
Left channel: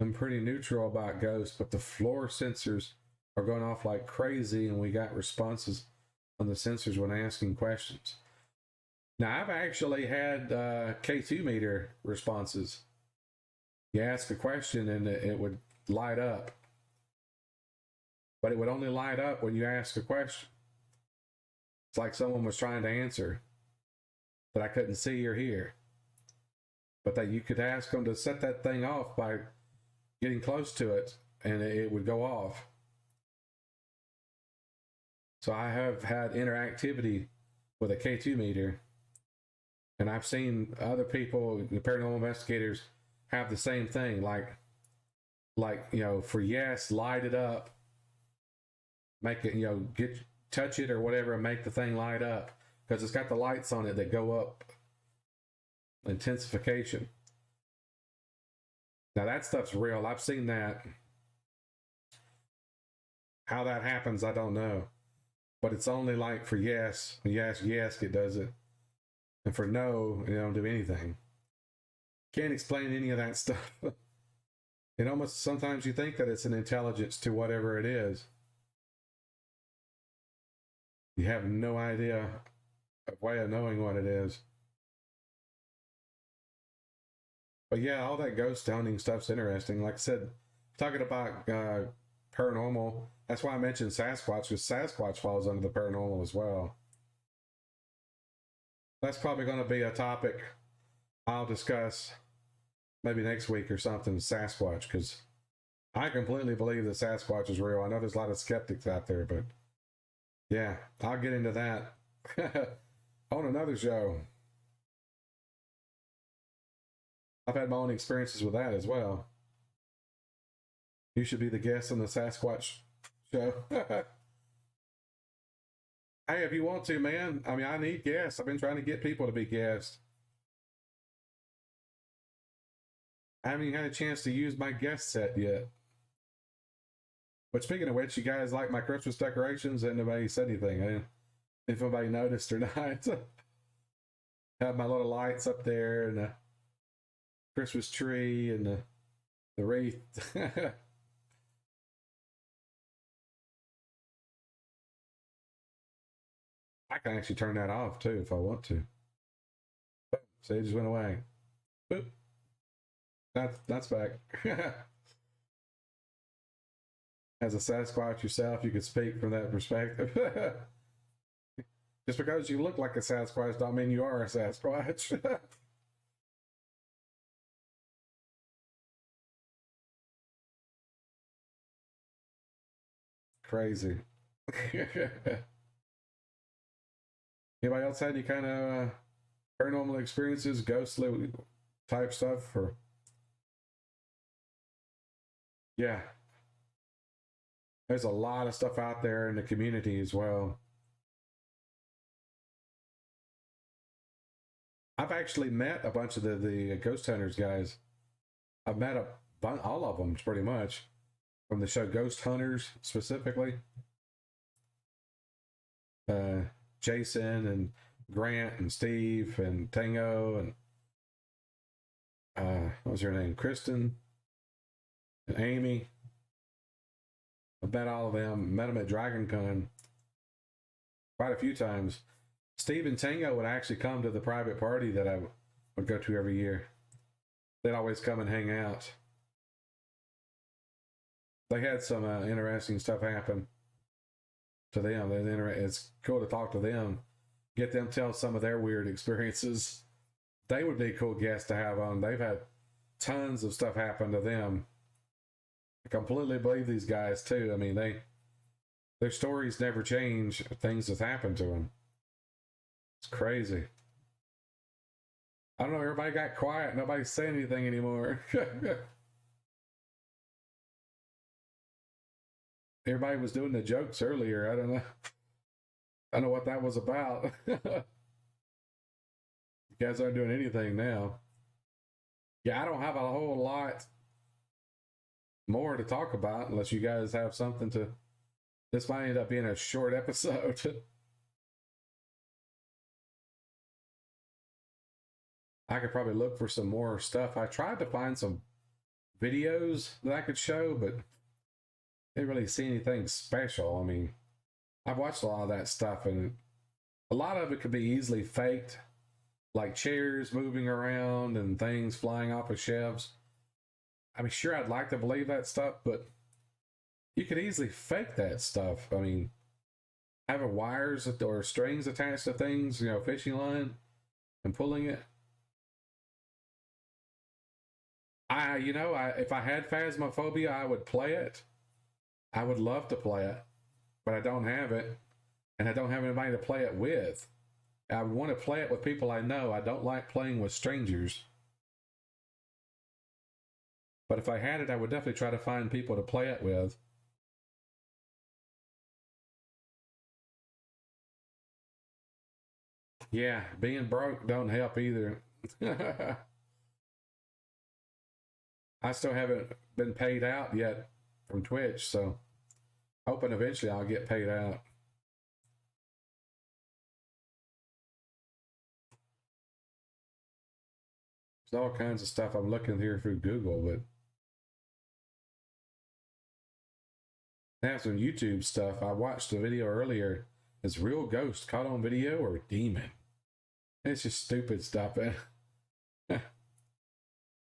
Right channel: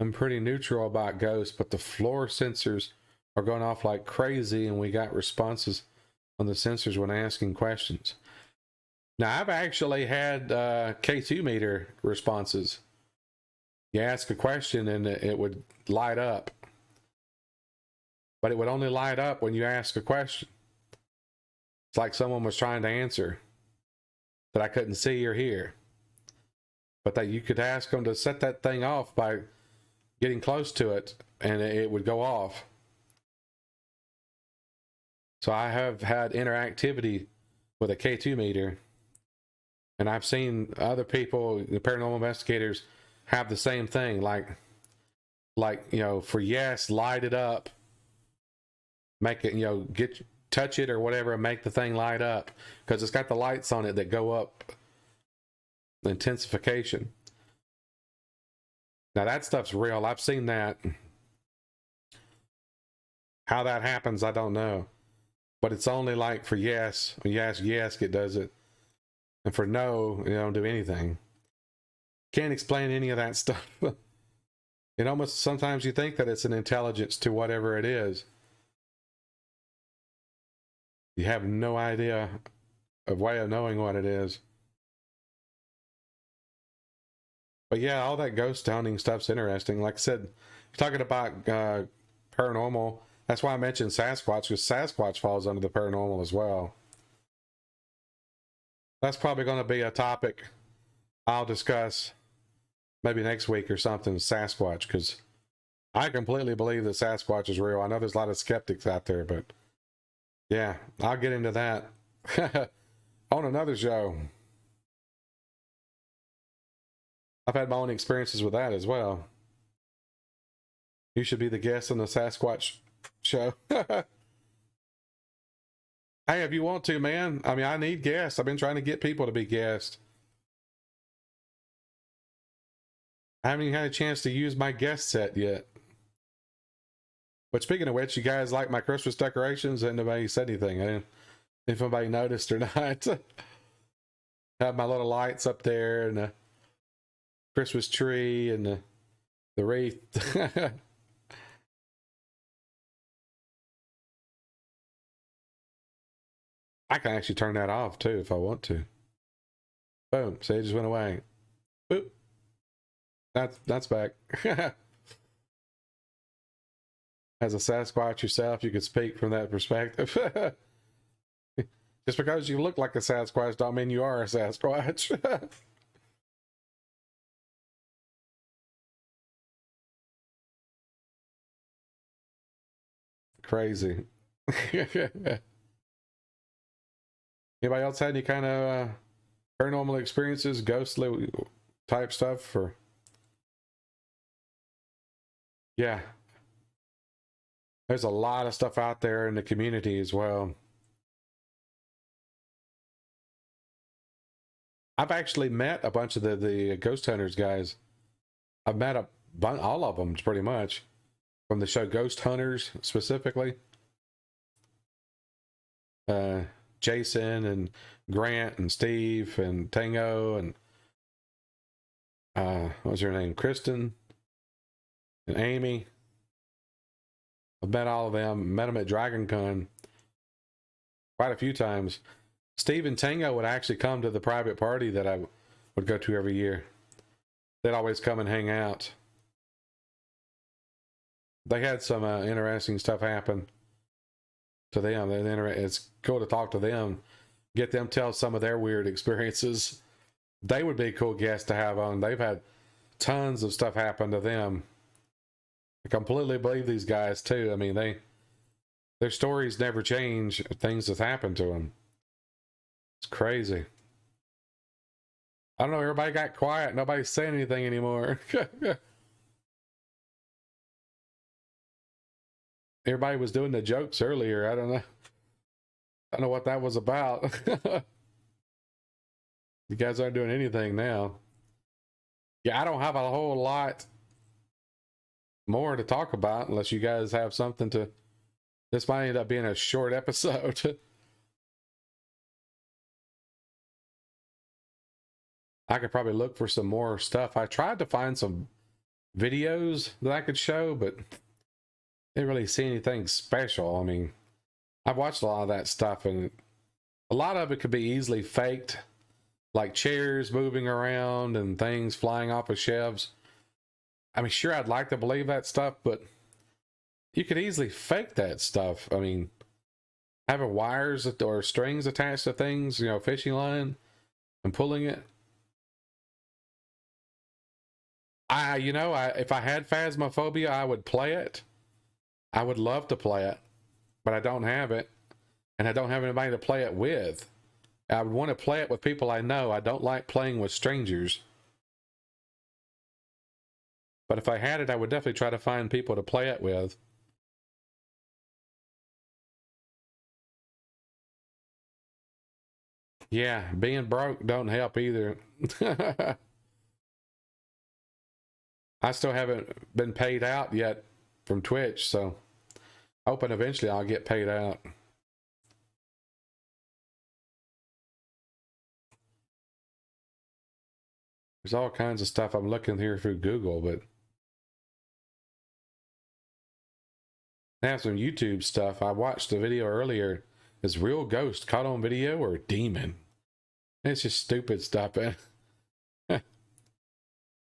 I'm pretty neutral about ghosts, but the floor sensors are going off like crazy, and we got responses on the sensors when asking questions. Now, I've actually had K2 meter responses. You ask a question and it would light up. But it would only light up when you ask a question. It's like someone was trying to answer that I couldn't see or hear. But that you could ask them to set that thing off by getting close to it, and it would go off. So I have had interactivity with a K2 meter, and I've seen other people, the paranormal investigators, have the same thing, like you know, for yes, light it up, make it, you know, touch it or whatever, and make the thing light up, because it's got the lights on it that go up, the intensification. Now that stuff's real. I've seen that. How that happens, I don't know. But it's only like for yes, when you ask yes, it does it. And for no, you don't do anything. Can't explain any of that stuff. It almost, sometimes you think that it's an intelligence to whatever it is. You have no idea of way of knowing what it is. But yeah, all that ghost hunting stuff's interesting. Like I said, talking about paranormal, that's why I mentioned Sasquatch, because Sasquatch falls under the paranormal as well. That's probably going to be a topic I'll discuss maybe next week or something, Sasquatch, because I completely believe that Sasquatch is real. I know there's a lot of skeptics out there, but yeah, I'll get into that on another show. I've had my own experiences with that as well. You should be the guest on the Sasquatch show. Hey, if you want to, man. I mean, I need guests. I've been trying to get people to be guests. I haven't even had a chance to use my guest set yet. But speaking of which, you guys like my Christmas decorations? And nobody said anything. I didn't, if anybody noticed or not. Have my little lights up there and the Christmas tree and the The wreath. I can actually turn that off too if I want to. Boom. See, it just went away. Boop. That's back. As a Sasquatch yourself, you could speak from that perspective. Just because you look like a Sasquatch don't mean you are a Sasquatch. Crazy. Anybody else had any kind of paranormal experiences, ghostly type stuff? Or yeah, there's a lot of stuff out there in the community as well. I've actually met a bunch of the ghost hunters guys. I've met all of them pretty much from the show Ghost Hunters specifically. Jason and Grant and Steve and Tango and what was her name? Kristen and Amy. I've met all of them. Met them at Dragon Con quite a few times. Steve and Tango would actually come to the private party that I would go to every year. They'd always come and hang out. They had some interesting stuff happen to them. It's cool to talk to them, get them tell some of their weird experiences. They would be a cool guest to have on. They've had tons of stuff happen to them. I completely believe these guys too. I mean, their stories never change. Things that happened to them. It's crazy. I don't know. Everybody got quiet. Nobody's saying anything anymore. Everybody was doing the jokes earlier. I don't know. I don't know what that was about. You guys aren't doing anything now. Yeah, I don't have a whole lot more to talk about unless you guys have something to. This might end up being a short episode. I could probably look for some more stuff. I tried to find some videos that I could show, but didn't really see anything special. I mean, I've watched a lot of that stuff, and a lot of it could be easily faked, like chairs moving around and things flying off of shelves. I mean, sure, I'd like to believe that stuff, but you could easily fake that stuff. I mean, having wires or strings attached to things, fishing line, and pulling it. If I had phasmophobia, I would play it. I would love to play it, but I don't have it, and I don't have anybody to play it with. I would want to play it with people I know. I don't like playing with strangers. But if I had it, I would definitely try to find people to play it with. Yeah, being broke don't help either. I still haven't been paid out yet from Twitch, so hoping eventually I'll get paid out. There's all kinds of stuff I'm looking here through Google, but they have some YouTube stuff. I watched a video earlier. Is real ghost caught on video or demon? It's just stupid stuff.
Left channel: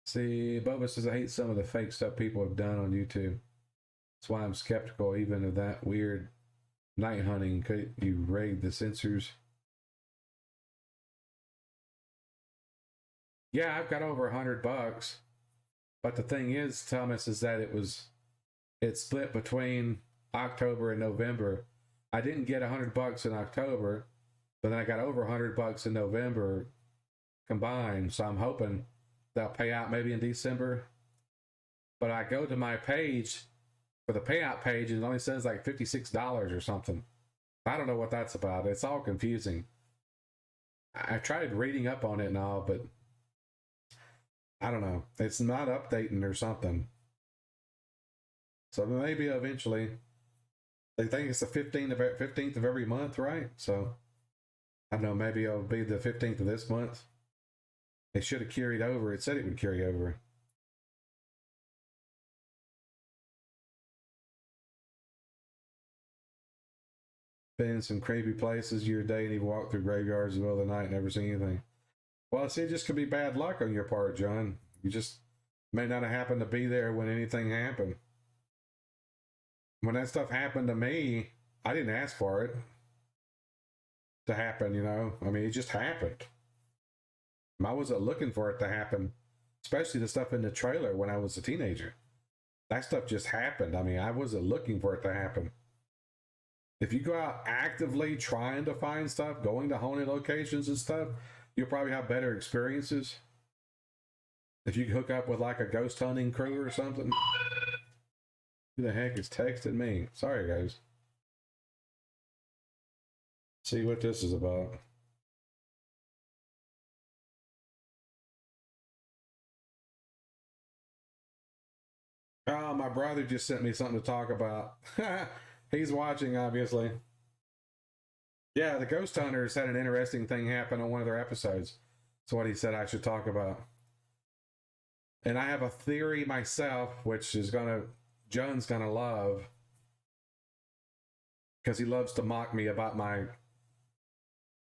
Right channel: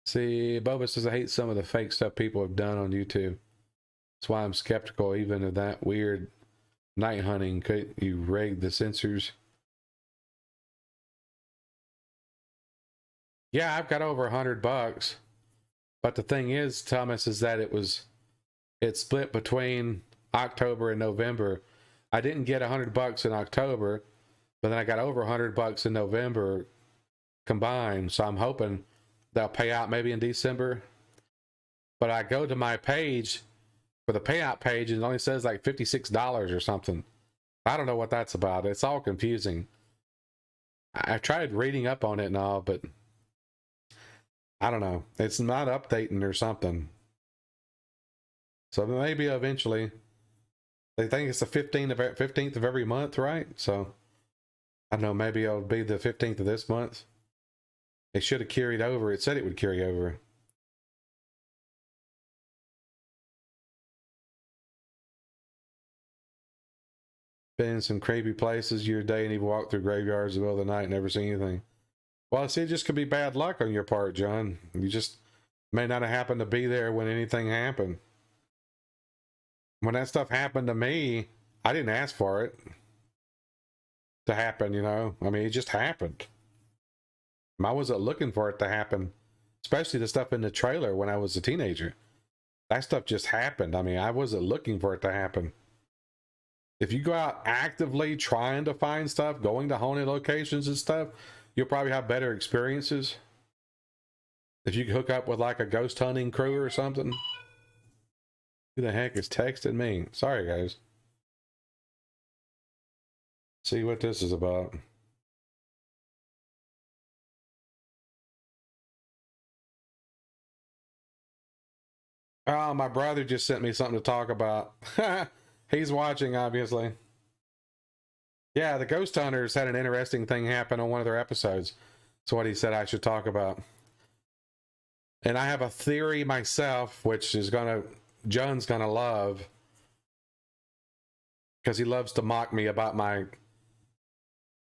See, Boba says I hate some of the fake stuff people have done on YouTube. That's why I'm skeptical even of that weird night hunting. Could you rig the sensors? Yeah, I've got over $100. But the thing is, Thomas, is that it split between October and November. I didn't get $100 in October, but then I got over $100 in November combined. So I'm hoping they'll pay out maybe in December. But I go to my page for the payout page, and it only says like $56 or something. I don't know what that's about. It's all confusing. I tried reading up on it and all, but I don't know. It's not updating or something. So maybe eventually. They think it's the 15th of every month, right? So I don't know. Maybe it'll be the 15th of this month. It should have carried over. It said it would carry over. been in some creepy places your day and you've walked through graveyards in the middle of the night and never seen anything? Well, see, it just could be bad luck on your part, John. You just may not have happened to be there when anything happened. When that stuff happened to me, I didn't ask for it to happen, you know? I mean, it just happened. I wasn't looking for it to happen, especially the stuff in the trailer when I was a teenager. That stuff just happened. I mean, I wasn't looking for it to happen. If you go out actively trying to find stuff, going to haunted locations and stuff, you'll probably have better experiences. If you hook up with like a ghost hunting crew or something. Who the heck is texting me? Sorry, guys. See what this is about. Oh, my brother just sent me something to talk about. He's watching, obviously. Yeah, the Ghost Hunters had an interesting thing happen on one of their episodes. That's what he said I should talk about. And I have a theory myself, which is John's gonna love. Because he loves to mock me about my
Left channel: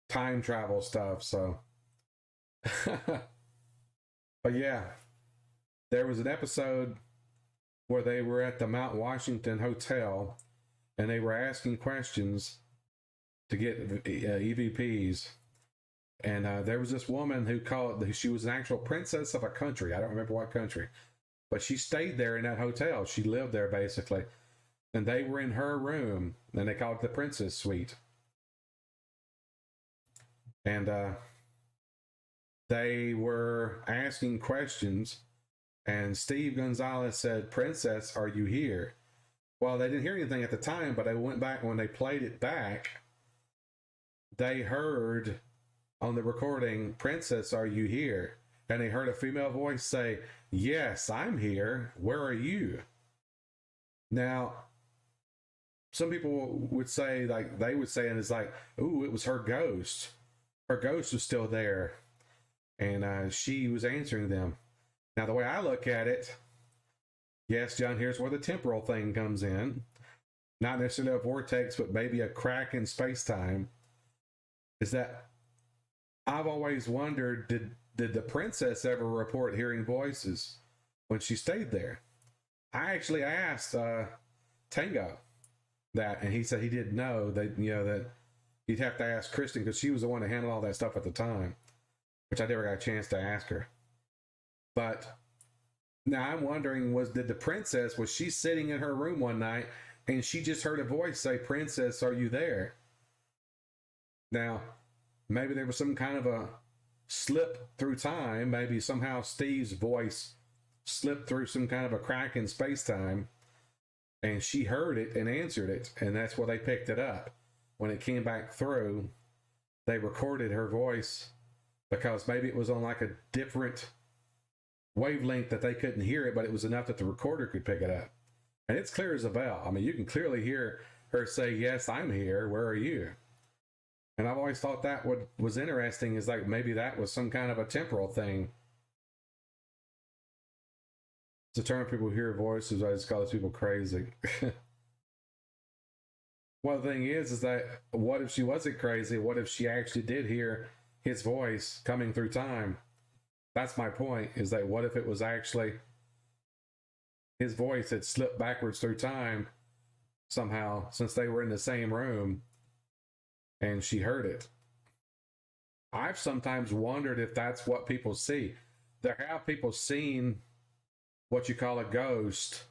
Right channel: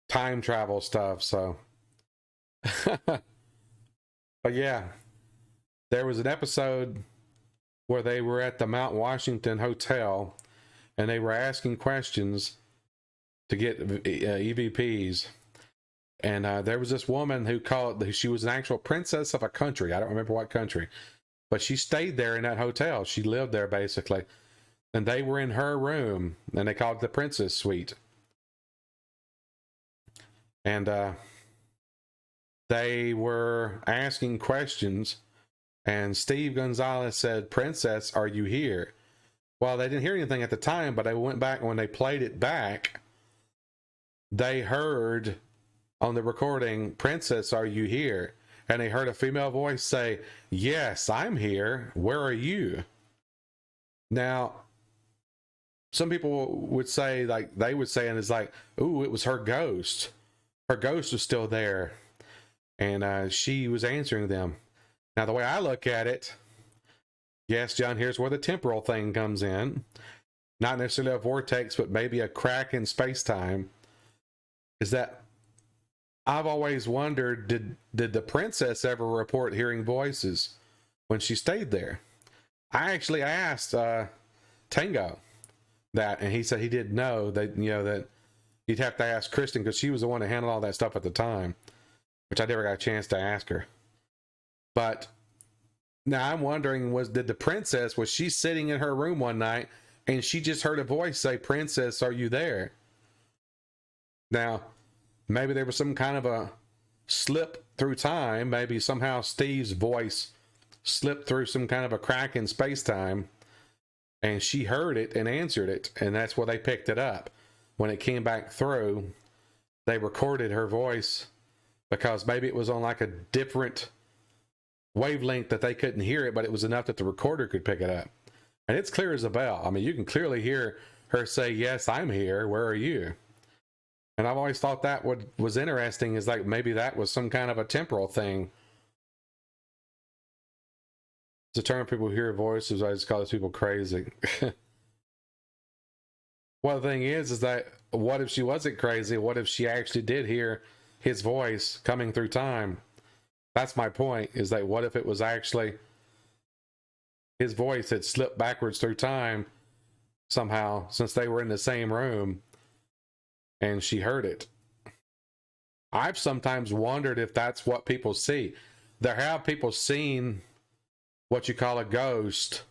time travel stuff, so. But yeah, there was an episode where they were at the Mount Washington Hotel and they were asking questions to get EVPs. And there was this woman who she was an actual princess of a country. I don't remember what country, but she stayed there in that hotel. She lived there basically. And they were in her room and they called it the Princess Suite. And they were asking questions. And Steve Gonzalez said, "Princess, are you here?" Well, they didn't hear anything at the time, but they went back, when they played it back, they heard on the recording, "Princess, are you here?" And they heard a female voice say, "Yes, I'm here. Where are you?" Now, some people would say, like, they would say, and it's like, "Ooh, it was her ghost. Her ghost was still there." And she was answering them. Now, the way I look at it, yes, John, here's where the temporal thing comes in. Not necessarily a vortex, but maybe a crack in space-time. Is that I've always wondered, did the princess ever report hearing voices when she stayed there? I actually asked Tango that, and he said he didn't know. That, you know, that you'd have to ask Kristen, because she was the one that handled all that stuff at the time, which I never got a chance to ask her. But now I'm wondering, did the princess, was she sitting in her room one night and she just heard a voice say, "Princess, are you there?" Now, maybe there was some kind of a slip through time. Maybe somehow Steve's voice slipped through some kind of a crack in space-time and she heard it and answered it. And that's where they picked it up. When it came back through, they recorded her voice, because maybe it was on like a different wavelength that they couldn't hear it, but it was enough that the recorder could pick it up. And it's clear as a bell. I mean, you can clearly hear her say, "Yes, I'm here. Where are you?" And I've always thought that what was interesting is, like, maybe that was some kind of a temporal thing. To turn people who hear voices, I just call those people crazy. Well, the thing is that what if she wasn't crazy? What if she actually did hear his voice coming through time? That's my point, is that what if it was actually his voice that slipped backwards through time somehow, since they were in the same room and she heard it? I've sometimes wondered if that's what people see. There have people seen what you call a ghost,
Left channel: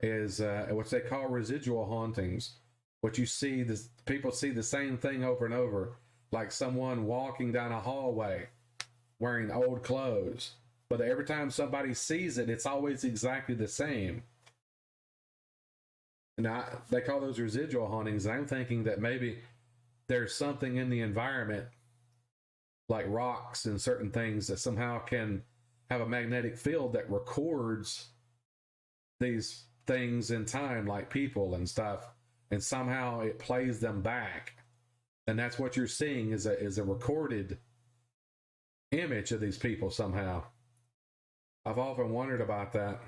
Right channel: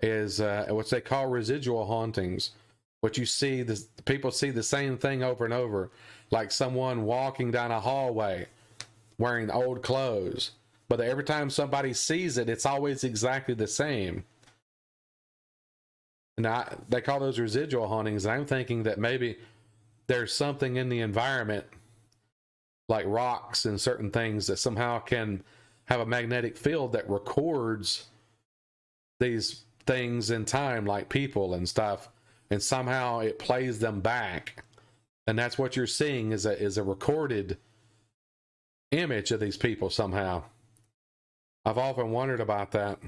is what they call residual hauntings. What you see, people see the same thing over and over, like someone walking down a hallway wearing old clothes, but every time somebody sees it, it's always exactly the same. And they call those residual hauntings. And I'm thinking that maybe there's something in the environment, like rocks and certain things, that somehow can have a magnetic field that records these things in time, like people and stuff, and somehow it plays them back. And that's what you're seeing, is a recorded image of these people somehow. I've often wondered about that.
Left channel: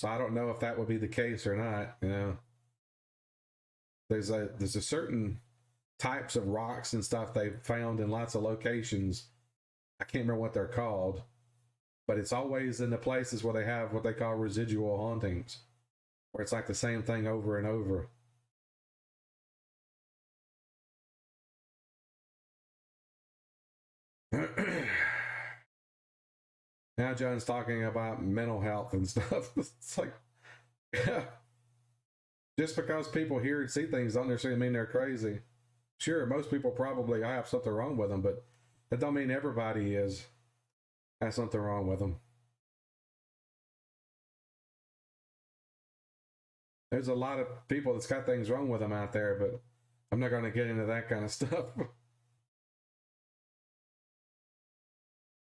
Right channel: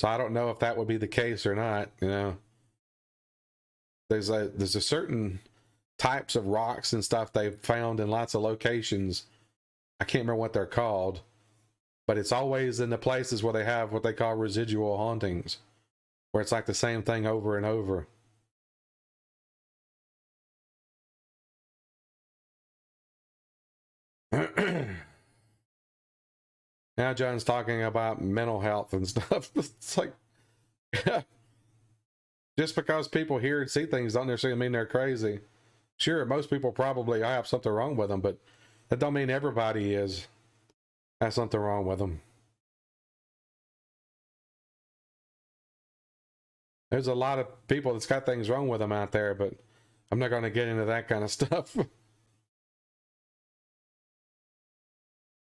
So I don't know if that would be the case or not. You know, there's a certain types of rocks and stuff they've found in lots of locations. I can't remember what they're called, but it's always in the places where they have what they call residual hauntings, where it's like the same thing over and over. Now John's talking about mental health and stuff. It's like, just because people hear and see things don't necessarily mean they're crazy. Sure, most people probably have something wrong with them, but that don't mean everybody has something wrong with them. There's a lot of people that's got things wrong with them out there, but I'm not going to get into that kind of stuff.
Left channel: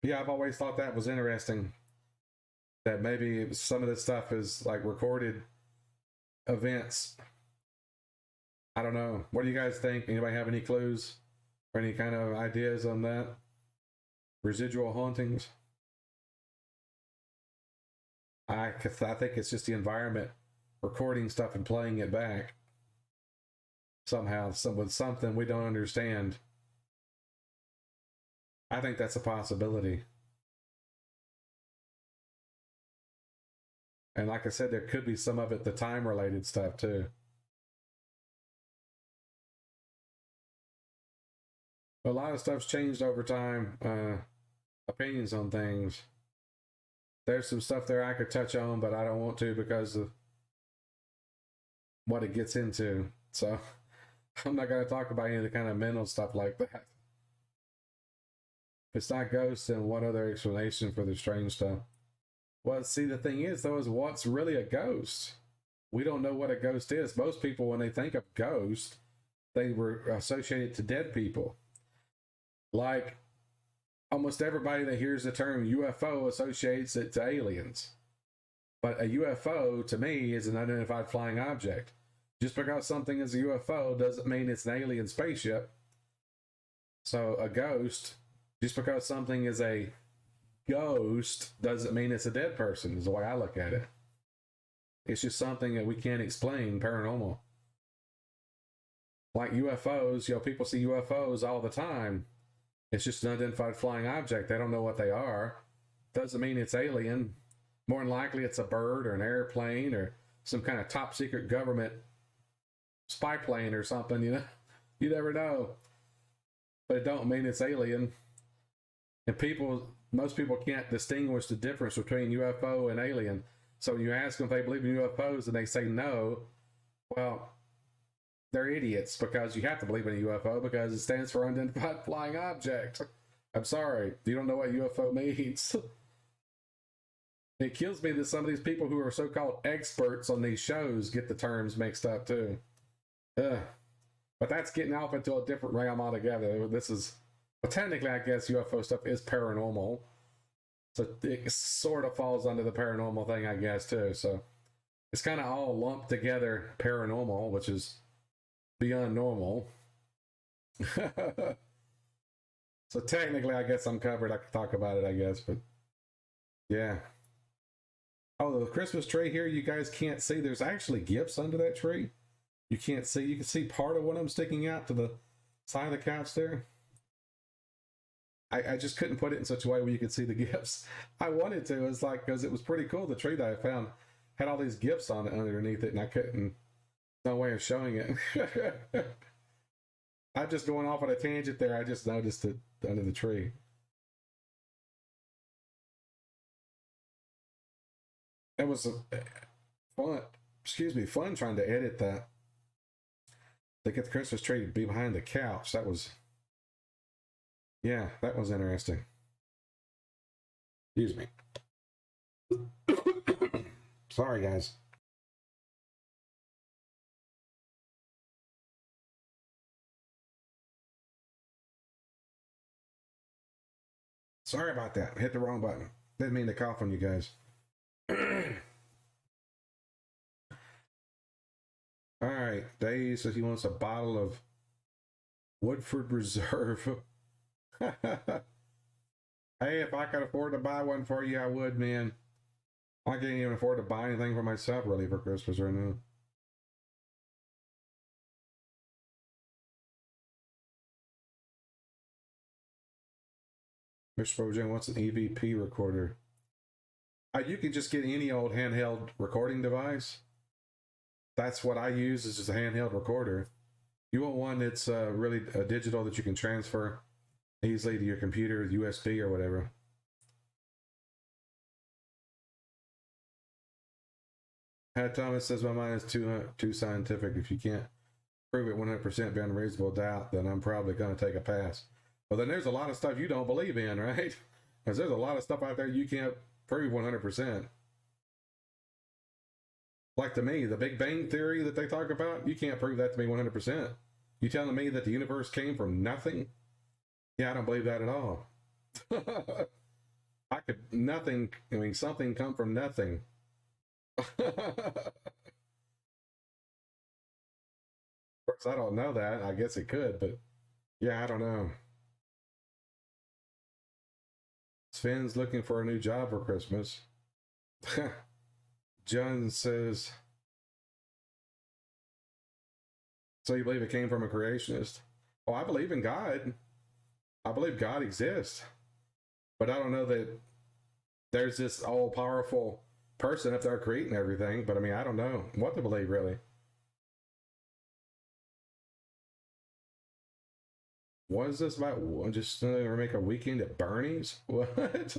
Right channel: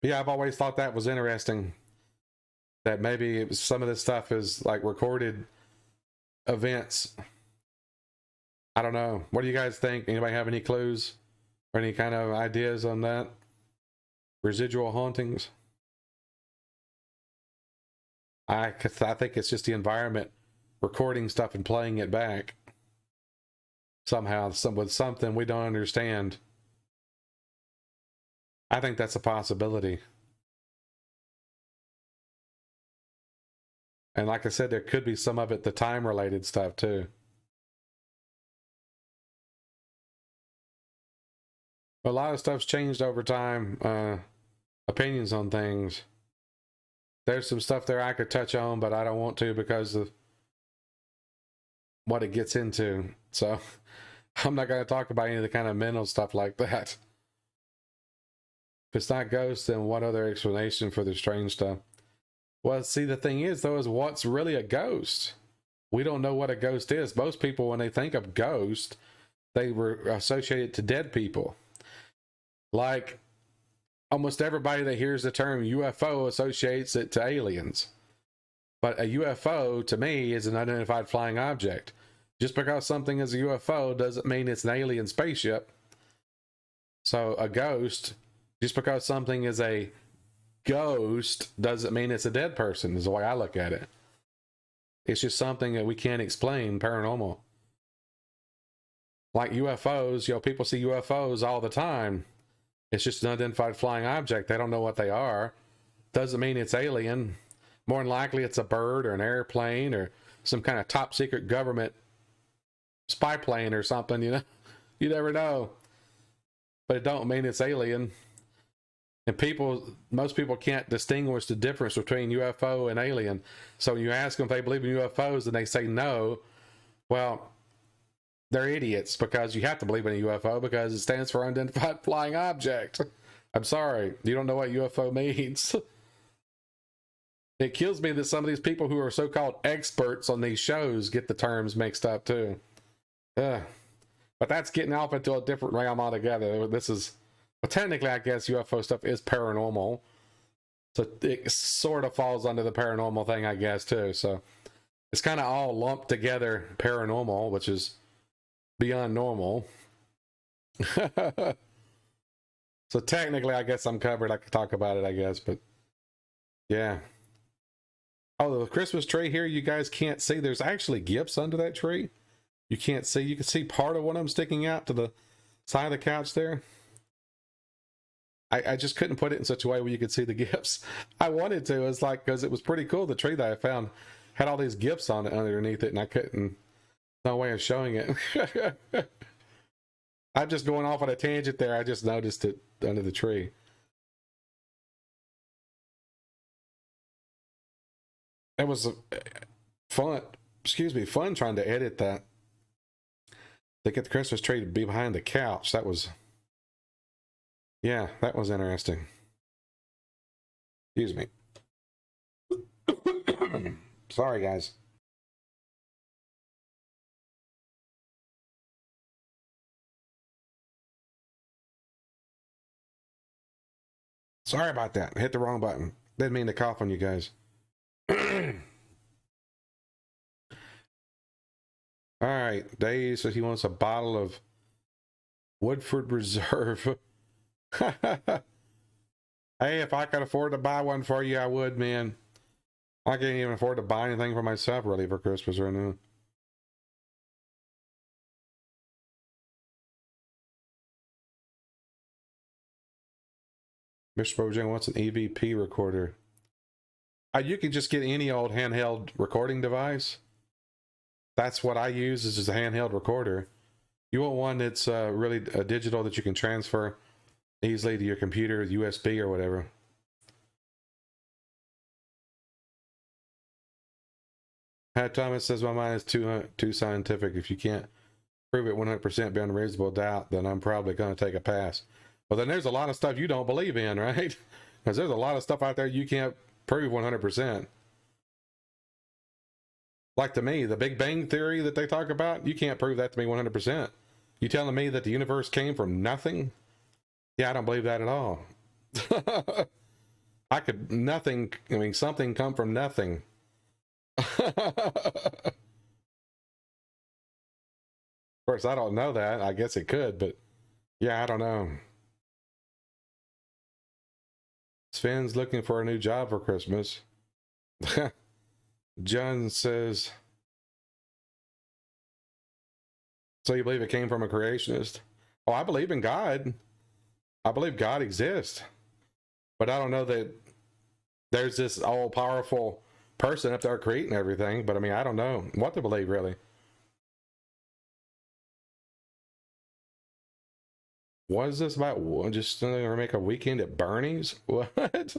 Yeah, I've always thought that was interesting. That maybe some of this stuff is like recorded events. I don't know. What do you guys think? Anybody have any clues or any kind of ideas on that? Residual hauntings? I think it's just the environment recording stuff and playing it back somehow, with something we don't understand. I think that's a possibility. And like I said, there could be some of it, the time related stuff too. A lot of stuff's changed over time. Opinions on things. There's some stuff there I could touch on, but I don't want to because of what it gets into. So I'm not going to talk about any of the kind of mental stuff like that. If it's not ghosts, then what other explanation for the strange stuff? Well, see, the thing is, though, is what's really a ghost? We don't know what a ghost is. Most people, when they think of ghost, they were associated to dead people. Like, almost everybody that hears the term UFO associates it to aliens. But a UFO, to me, is an unidentified flying object. Just because something is a UFO doesn't mean it's an alien spaceship. So a ghost, just because something is a ghost doesn't mean it's a dead person, is the way I look at it. It's just something that we can't explain, paranormal. Like UFOs, people see UFOs all the time. It's just an unidentified flying object. They don't know what they are. Doesn't mean it's alien. More than likely it's a bird or an airplane or some kind of top secret government spy plane or something, you never know. But it don't mean it's alien. And most people can't distinguish the difference between UFO and alien. So when you ask them if they believe in UFOs and they say no, well, they're idiots, because you have to believe in a UFO because it stands for unidentified flying object. I'm sorry, you don't know what UFO means. It kills me that some of these people who are so-called experts on these shows get the terms mixed up too. But that's getting off into a different realm altogether. Well, technically, I guess UFO stuff is paranormal. So it sort of falls under the paranormal thing, I guess, too. So it's kind of all lumped together, paranormal, which is beyond normal. So technically, I guess I'm covered. I could talk about it, I guess. But yeah. Oh, the Christmas tree here, you guys can't see. There's actually gifts under that tree. You can't see. You can see part of one of them sticking out to the side of the couch there. I just couldn't put it in such a way where you could see the gifts. I wanted to. It's like, because it was pretty cool. The tree that I found had all these gifts on it underneath it, and I couldn't. No way of showing it. I'm just going off on a tangent there. I just noticed it under the tree. It was fun. Fun trying to edit that. To get the Christmas tree to be behind the couch. That was interesting. Excuse me. Sorry, guys. Sorry about that. I hit the wrong button. Didn't mean to cough on you guys. All right. Dave says he wants a bottle of Woodford Reserve. Hey, if I could afford to buy one for you, I would, man. I can't even afford to buy anything for myself really for Christmas right now. Mr. Bojang wants an EVP recorder. You can just get any old handheld recording device. That's what I use is a handheld recorder. You want one that's really digital that you can transfer easily to your computer, USB or whatever. Pat Thomas says my mind is too scientific. If you can't prove it 100% beyond reasonable doubt, then I'm probably going to take a pass. Well, then there's a lot of stuff you don't believe in, right? Because there's a lot of stuff out there you can't prove 100%. Like to me, the Big Bang Theory that they talk about, you can't prove that to me 100%. You telling me that the universe came from nothing? Yeah, I don't believe that at all. Something come from nothing. Of course, I don't know that. I guess it could, but yeah, I don't know. Sven's looking for a new job for Christmas. John says, so you believe it came from a creationist? Oh, I believe in God. I believe God exists. But I don't know that there's this all-powerful person up there creating everything. But I mean, I don't know what to believe, really. What is this about? Just make a weekend at Bernie's? What?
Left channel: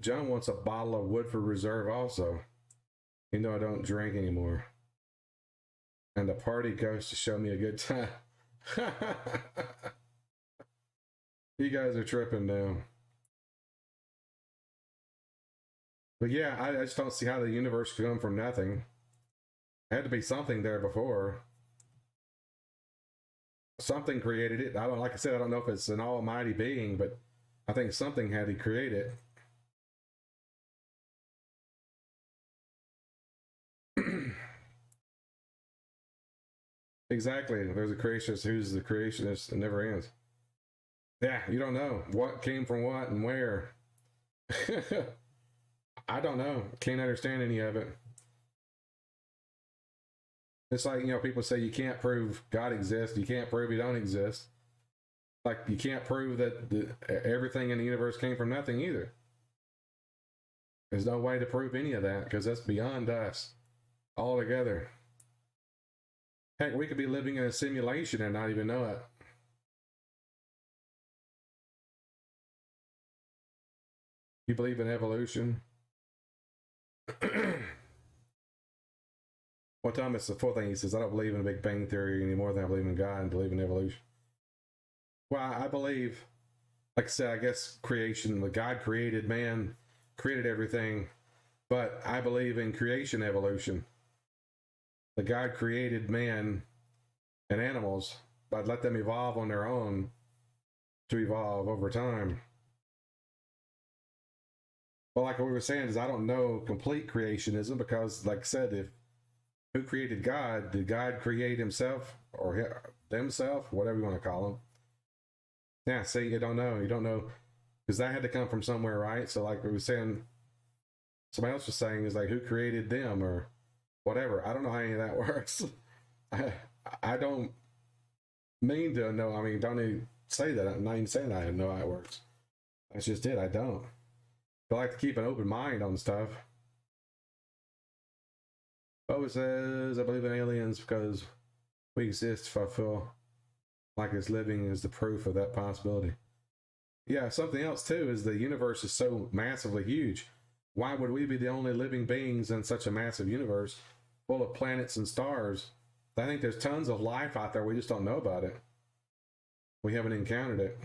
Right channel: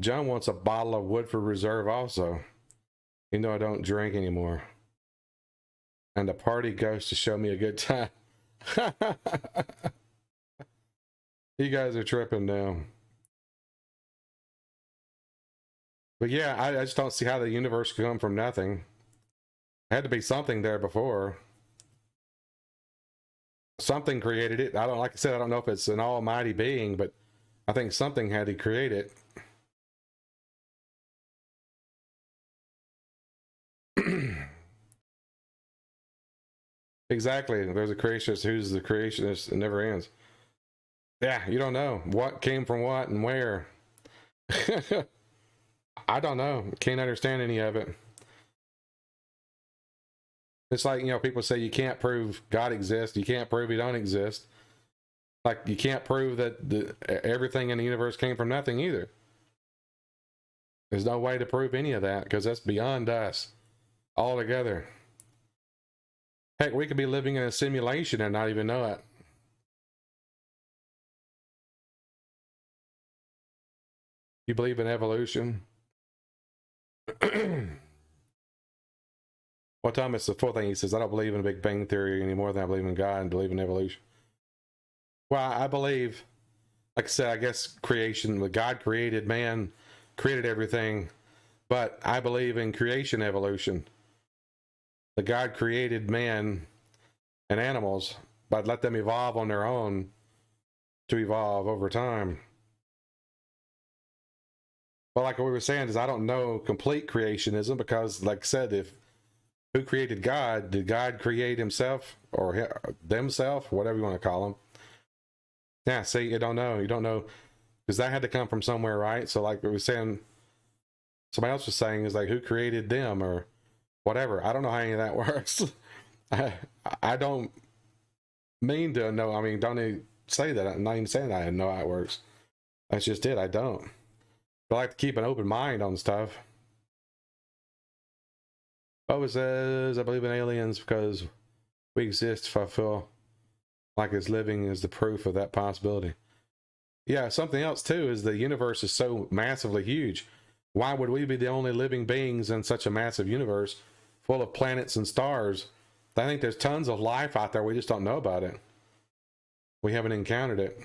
John wants a bottle of Woodford Reserve also. You know I don't drink anymore. And the party goes to show me a good time. You guys are tripping now. But yeah, I just don't see how the universe could come from nothing. Had to be something there before. Something created it. Like I said, I don't know if it's an almighty being, but I think something had to create it. Exactly. There's a creationist who's the creationist. It never ends. Yeah, you don't know what came from what and where. I don't know. Can't understand any of it. It's like, people say you can't prove God exists. You can't prove he don't exist. Like you can't prove that everything in the universe came from nothing either. There's no way to prove any of that because that's beyond us altogether. Heck, we could be living in a simulation and not even know it. You believe in evolution? Well, Thomas, the fourth thing he says, I don't believe in Big Bang Theory any more than I believe in God and believe in evolution. Well, I believe, like I said, I guess creation, God created man, created everything, but I believe in creation evolution. The God created man and animals, but let them evolve on their own to evolve over time. But like what we were saying is I don't know complete creationism because, like I said, who created God? Did God create himself or themselves, whatever you want to call them? Yeah, see, you don't know. You don't know because that had to come from somewhere, right? So like we were saying, somebody else was saying is like who created them or whatever. I don't know how any of that works. I don't mean to know. I mean, don't even say that. I'm not even saying that I know how it works. That's just it. I don't. I like to keep an open mind on stuff. Bubba says, I believe in aliens because we exist if I feel like it's living is the proof of that possibility. Yeah, something else too is the universe is so massively huge. Why would we be the only living beings in such a massive universe full of planets and stars? I think there's tons of life out there. We just don't know about it. We haven't encountered it.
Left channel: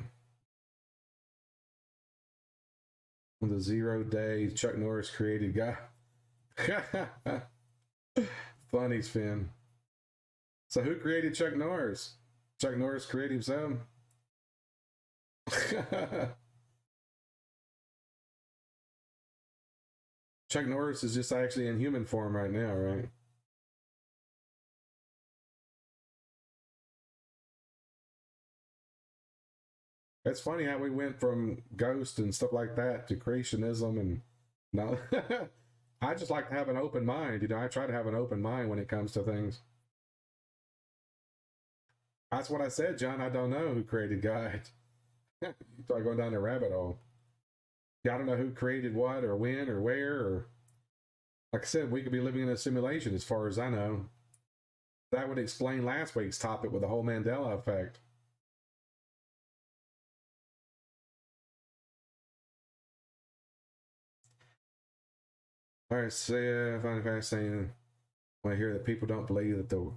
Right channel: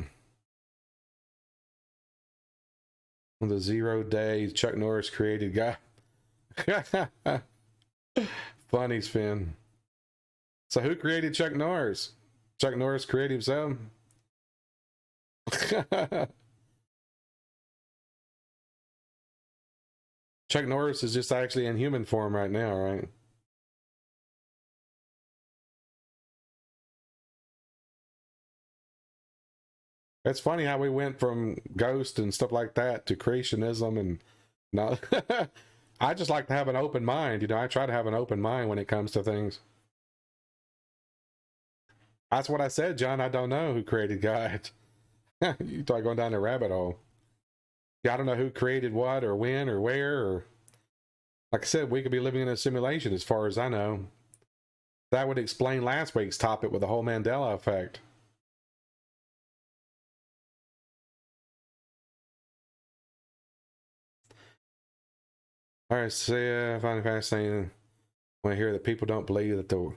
The 0 day Chuck Norris created guy. Funny, Finn. So who created Chuck Norris? Chuck Norris created himself? Chuck Norris is just actually in human form right now, right? It's funny how we went from ghosts and stuff like that to creationism and no. I just like to have an open mind. You know, I try to have an open mind when it comes to things. That's what I said, John. I don't know who created God. You start going down a rabbit hole. Yeah, I don't know who created what or when or where. Or like I said, we could be living in a simulation, as far as I know. That would explain last week's topic with the whole Mandela effect. All right, so yeah, I find it fascinating when I hear that people don't believe that the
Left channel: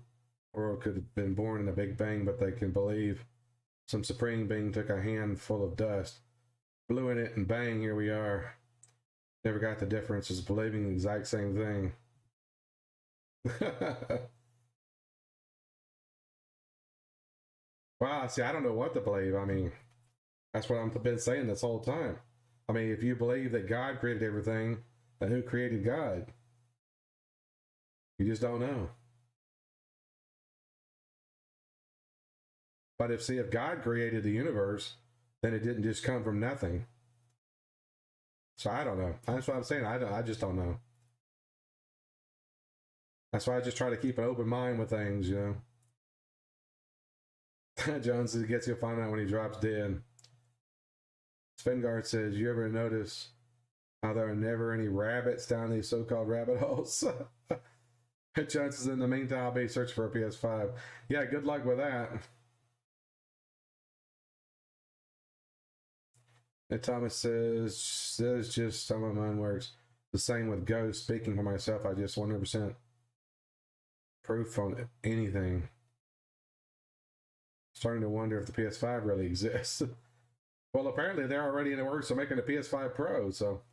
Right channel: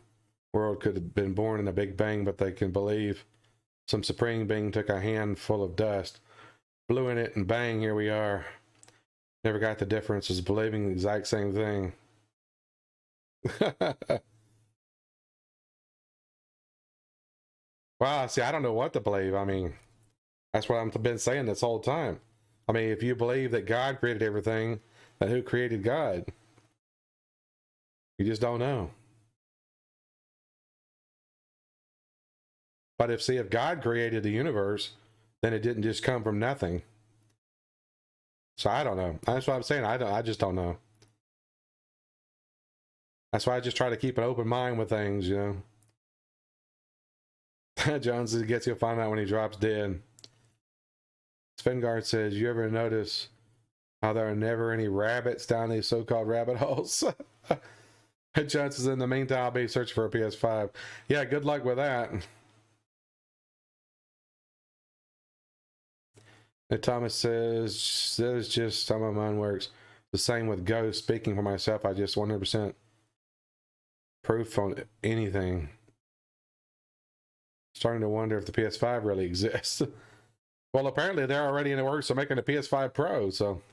world could have been born in a Big Bang, but they can believe some supreme being took a handful of dust, blew in it, and bang, here we are. Never got the difference as believing the exact same thing. Wow, see, I don't know what to believe. I mean, that's what I've been saying this whole time. I mean, if you believe that God created everything, then who created God? You just don't know. But if God created the universe, then it didn't just come from nothing. So I don't know. That's what I'm saying. I just don't know. That's why I just try to keep an open mind with things, you know. Jones gets he'll find out when he drops dead. Svengard says, you ever notice how there are never any rabbits down these so-called rabbit holes? Jones says, in the meantime, I'll be searching for a PS5. Yeah, good luck with that. And Thomas says, that is just how my mind works. The same with ghosts. Speaking for myself, I just 100% proof on anything. Starting to wonder if the PS5 really exists. Well, apparently they're already in the works of making a PS5 Pro, so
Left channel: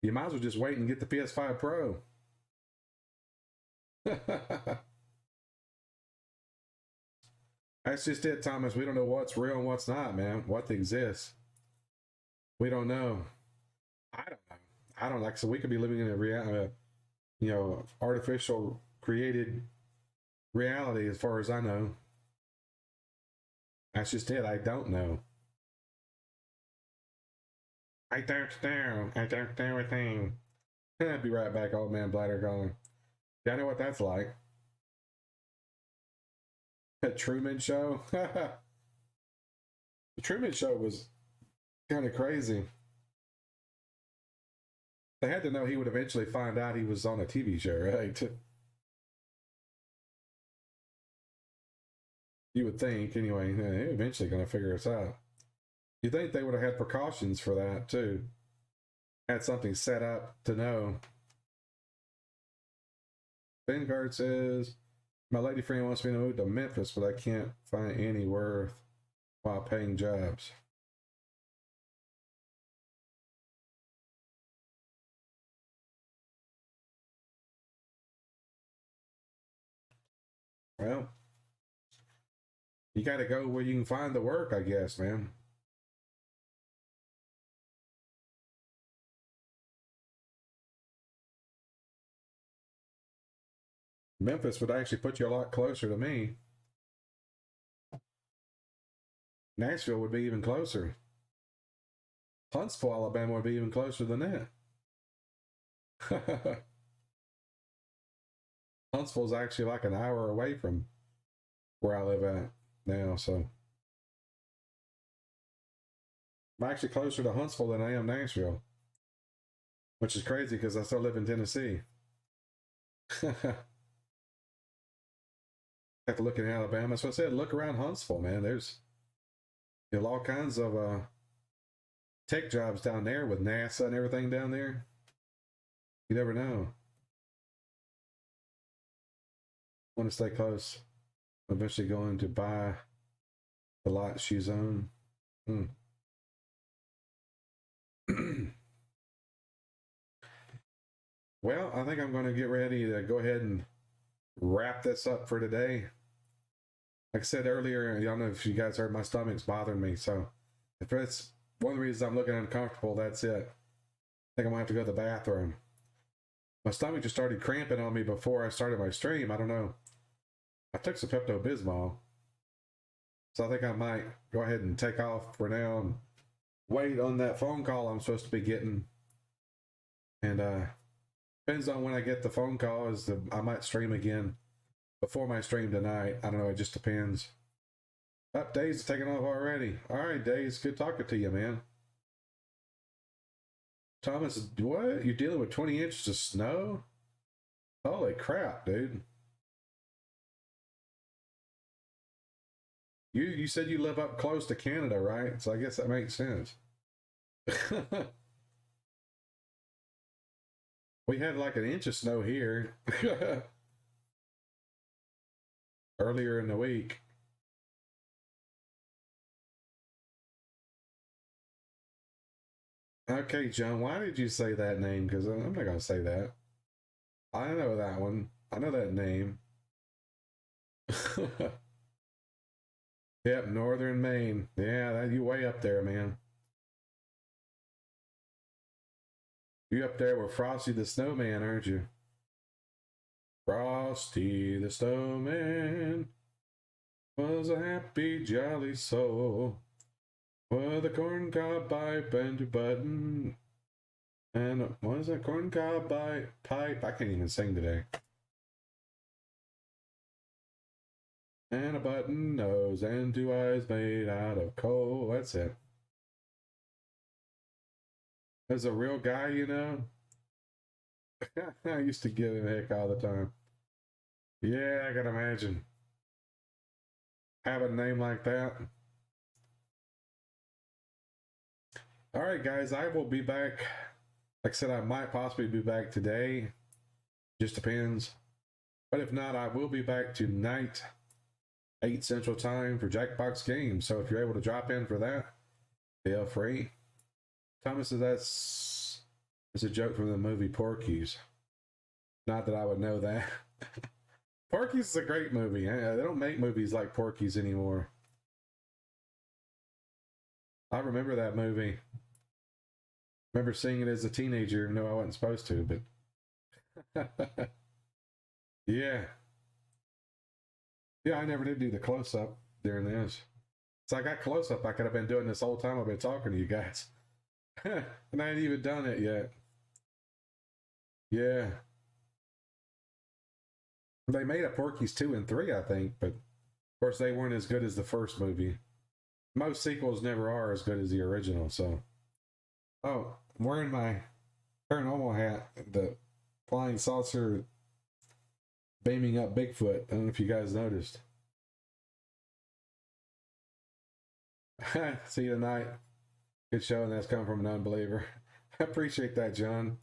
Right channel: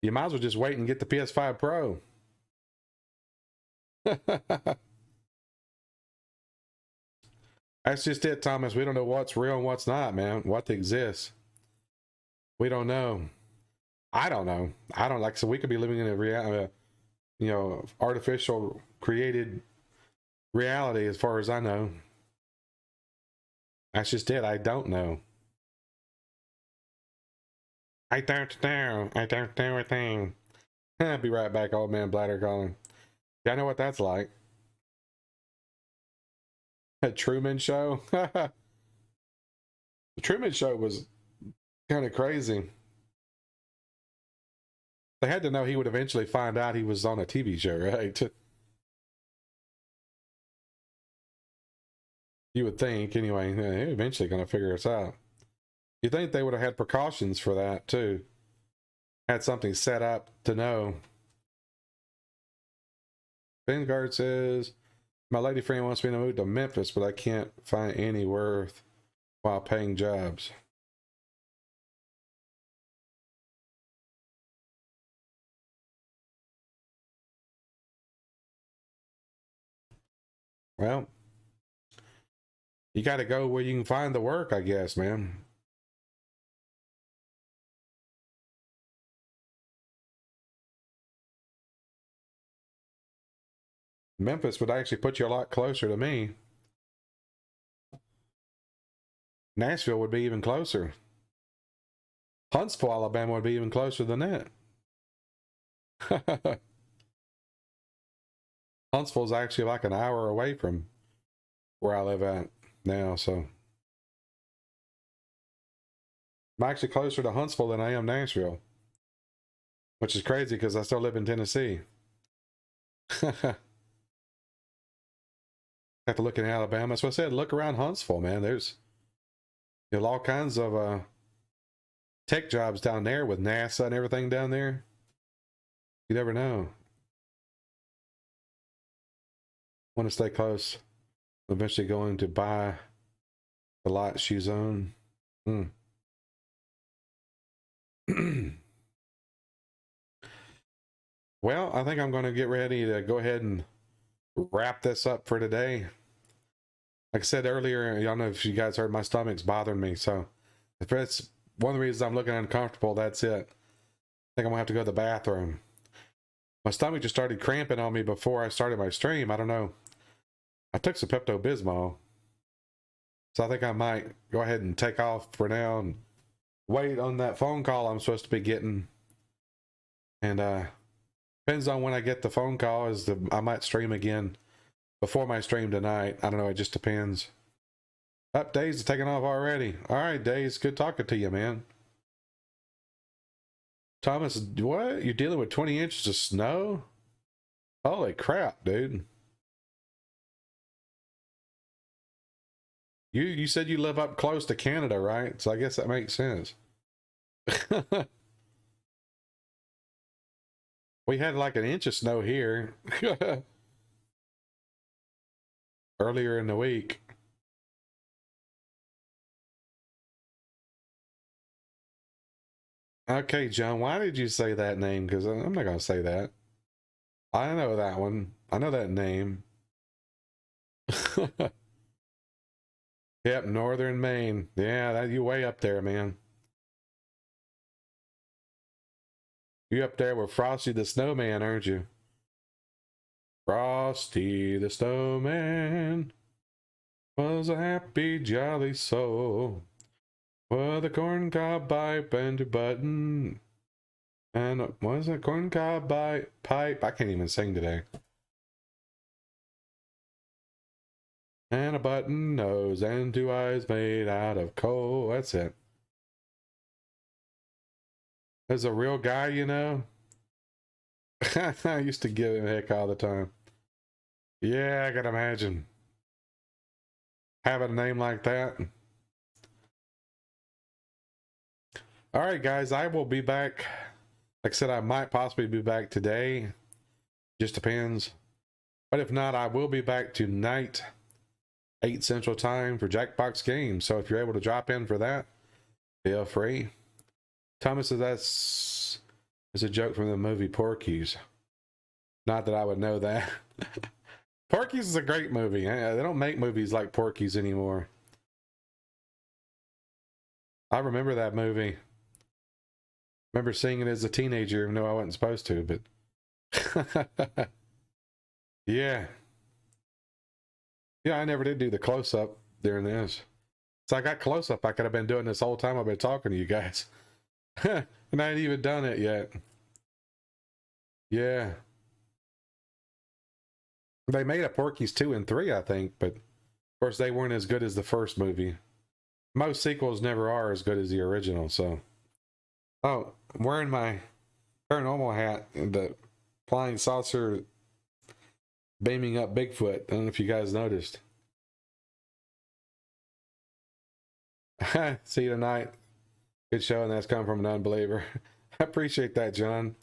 you might as well just wait and get the PS5 Pro. That's just it, Thomas. We don't know what's real and what's not, man. What exists. We don't know. I don't know. I don't like. So we could be living in a artificial created reality, as far as I know. That's just it. I don't know. I don't know. I don't know a thing. I'll be right back, old man Bladder calling. Yeah, I know what that's like. A Truman Show. The Truman Show was kind of crazy. They had to know he would eventually find out he was on a TV show, right? You would think, anyway. They're eventually going to figure us out. You think they would have had precautions for that, too. Had something set up to know. Vanguard says, my lady friend wants me to move to Memphis, but I can't find any worth while paying jobs. Well, you got to go where you can find the work, I guess, man. Memphis would actually put you a lot closer to me. Nashville would be even closer. Huntsville, Alabama would be even closer than that. Huntsville's actually like an hour away from where I live at now, so I'm actually closer to Huntsville than I am Nashville, which is crazy because I still live in Tennessee. Have to look in Alabama. So I said, look around Huntsville, man. There's all kinds of tech jobs down there with NASA and everything down there. You never know. Want to stay close. Eventually going to buy the lot she's on. Well, I think I'm going to get ready to go ahead and wrap this up for today. Like I said earlier, I don't know if you guys heard, my stomach's bothering me. So if that's one of the reasons I'm looking uncomfortable, that's it. I think I'm going to have to go to the bathroom. My stomach just started cramping on me before I started my stream. I don't know. I took some Pepto-Bismol. So I think I might go ahead and take off for now and wait on that phone call I'm supposed to be getting. And depends on when I get the phone call. I might stream again before my stream tonight. I don't know. It just depends. Up, Days is taking off already. All right, Days. Good talking to you, man. Thomas, what? You're dealing with 20 inches of snow? Holy crap, dude. You said you live up close to Canada, right? So I guess that makes sense. We had like an inch of snow here earlier in the week. Okay, John, why did you say that name? Because I'm not going to say that. I know that one. I know that name. Yep, Northern Maine. Yeah, you way up there, man. You up there with Frosty the Snowman, aren't you? Frosty the Snowman was a happy, jolly soul with a corncob pipe and a button. And what was it? Corncob pipe? I can't even sing today. And a button nose and two eyes made out of coal. That's it. There's a real guy, you know. I used to give him a heck all the time. Yeah, I can imagine having a name like that. All right, guys, I will be back. Like I said, I might possibly be back today. Just depends. But if not, I will be back tonight, 8 Central Time for Jackbox Games. So if you're able to drop in for that, feel free. Thomas says that's a joke from the movie Porky's. Not that I would know that. Porky's is a great movie. They don't make movies like Porky's anymore. I remember that movie. Remember seeing it as a teenager, even though I wasn't supposed to, but yeah. Yeah, I never did do the close up during this. So I got close up. I could have been doing this whole time I've been talking to you guys. And I ain't even done it yet. Yeah. They made a Porky's 2 and 3, I think, but of course they weren't as good as the first movie. Most sequels never are as good as the original, so. Oh, I'm wearing my paranormal hat and the flying saucer beaming up Bigfoot. I don't know if you guys noticed. See you tonight. Good show, and that's coming from an unbeliever. I appreciate that, John.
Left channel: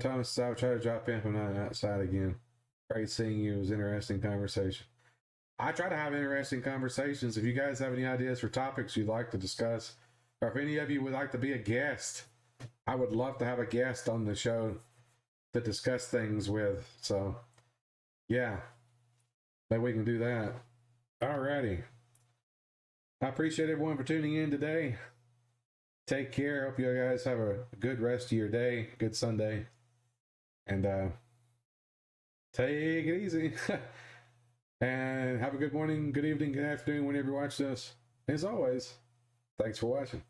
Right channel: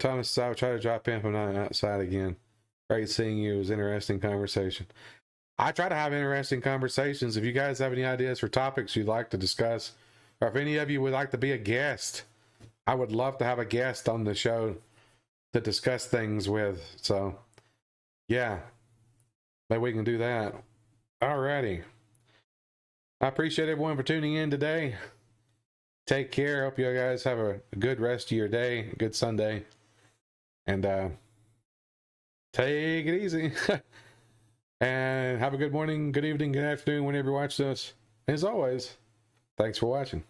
Thomas, I will try to drop in from outside again. Great seeing you. It was an interesting conversation. I try to have interesting conversations. If you guys have any ideas for topics you'd like to discuss, or if any of you would like to be a guest, I would love to have a guest on the show to discuss things with. So, yeah, maybe we can do that. Alrighty. I appreciate everyone for tuning in today. Take care. Hope you guys have a good rest of your day, a good Sunday. And take it easy. And have a good morning, good evening, good afternoon, whenever you watch this. As always, thanks for watching.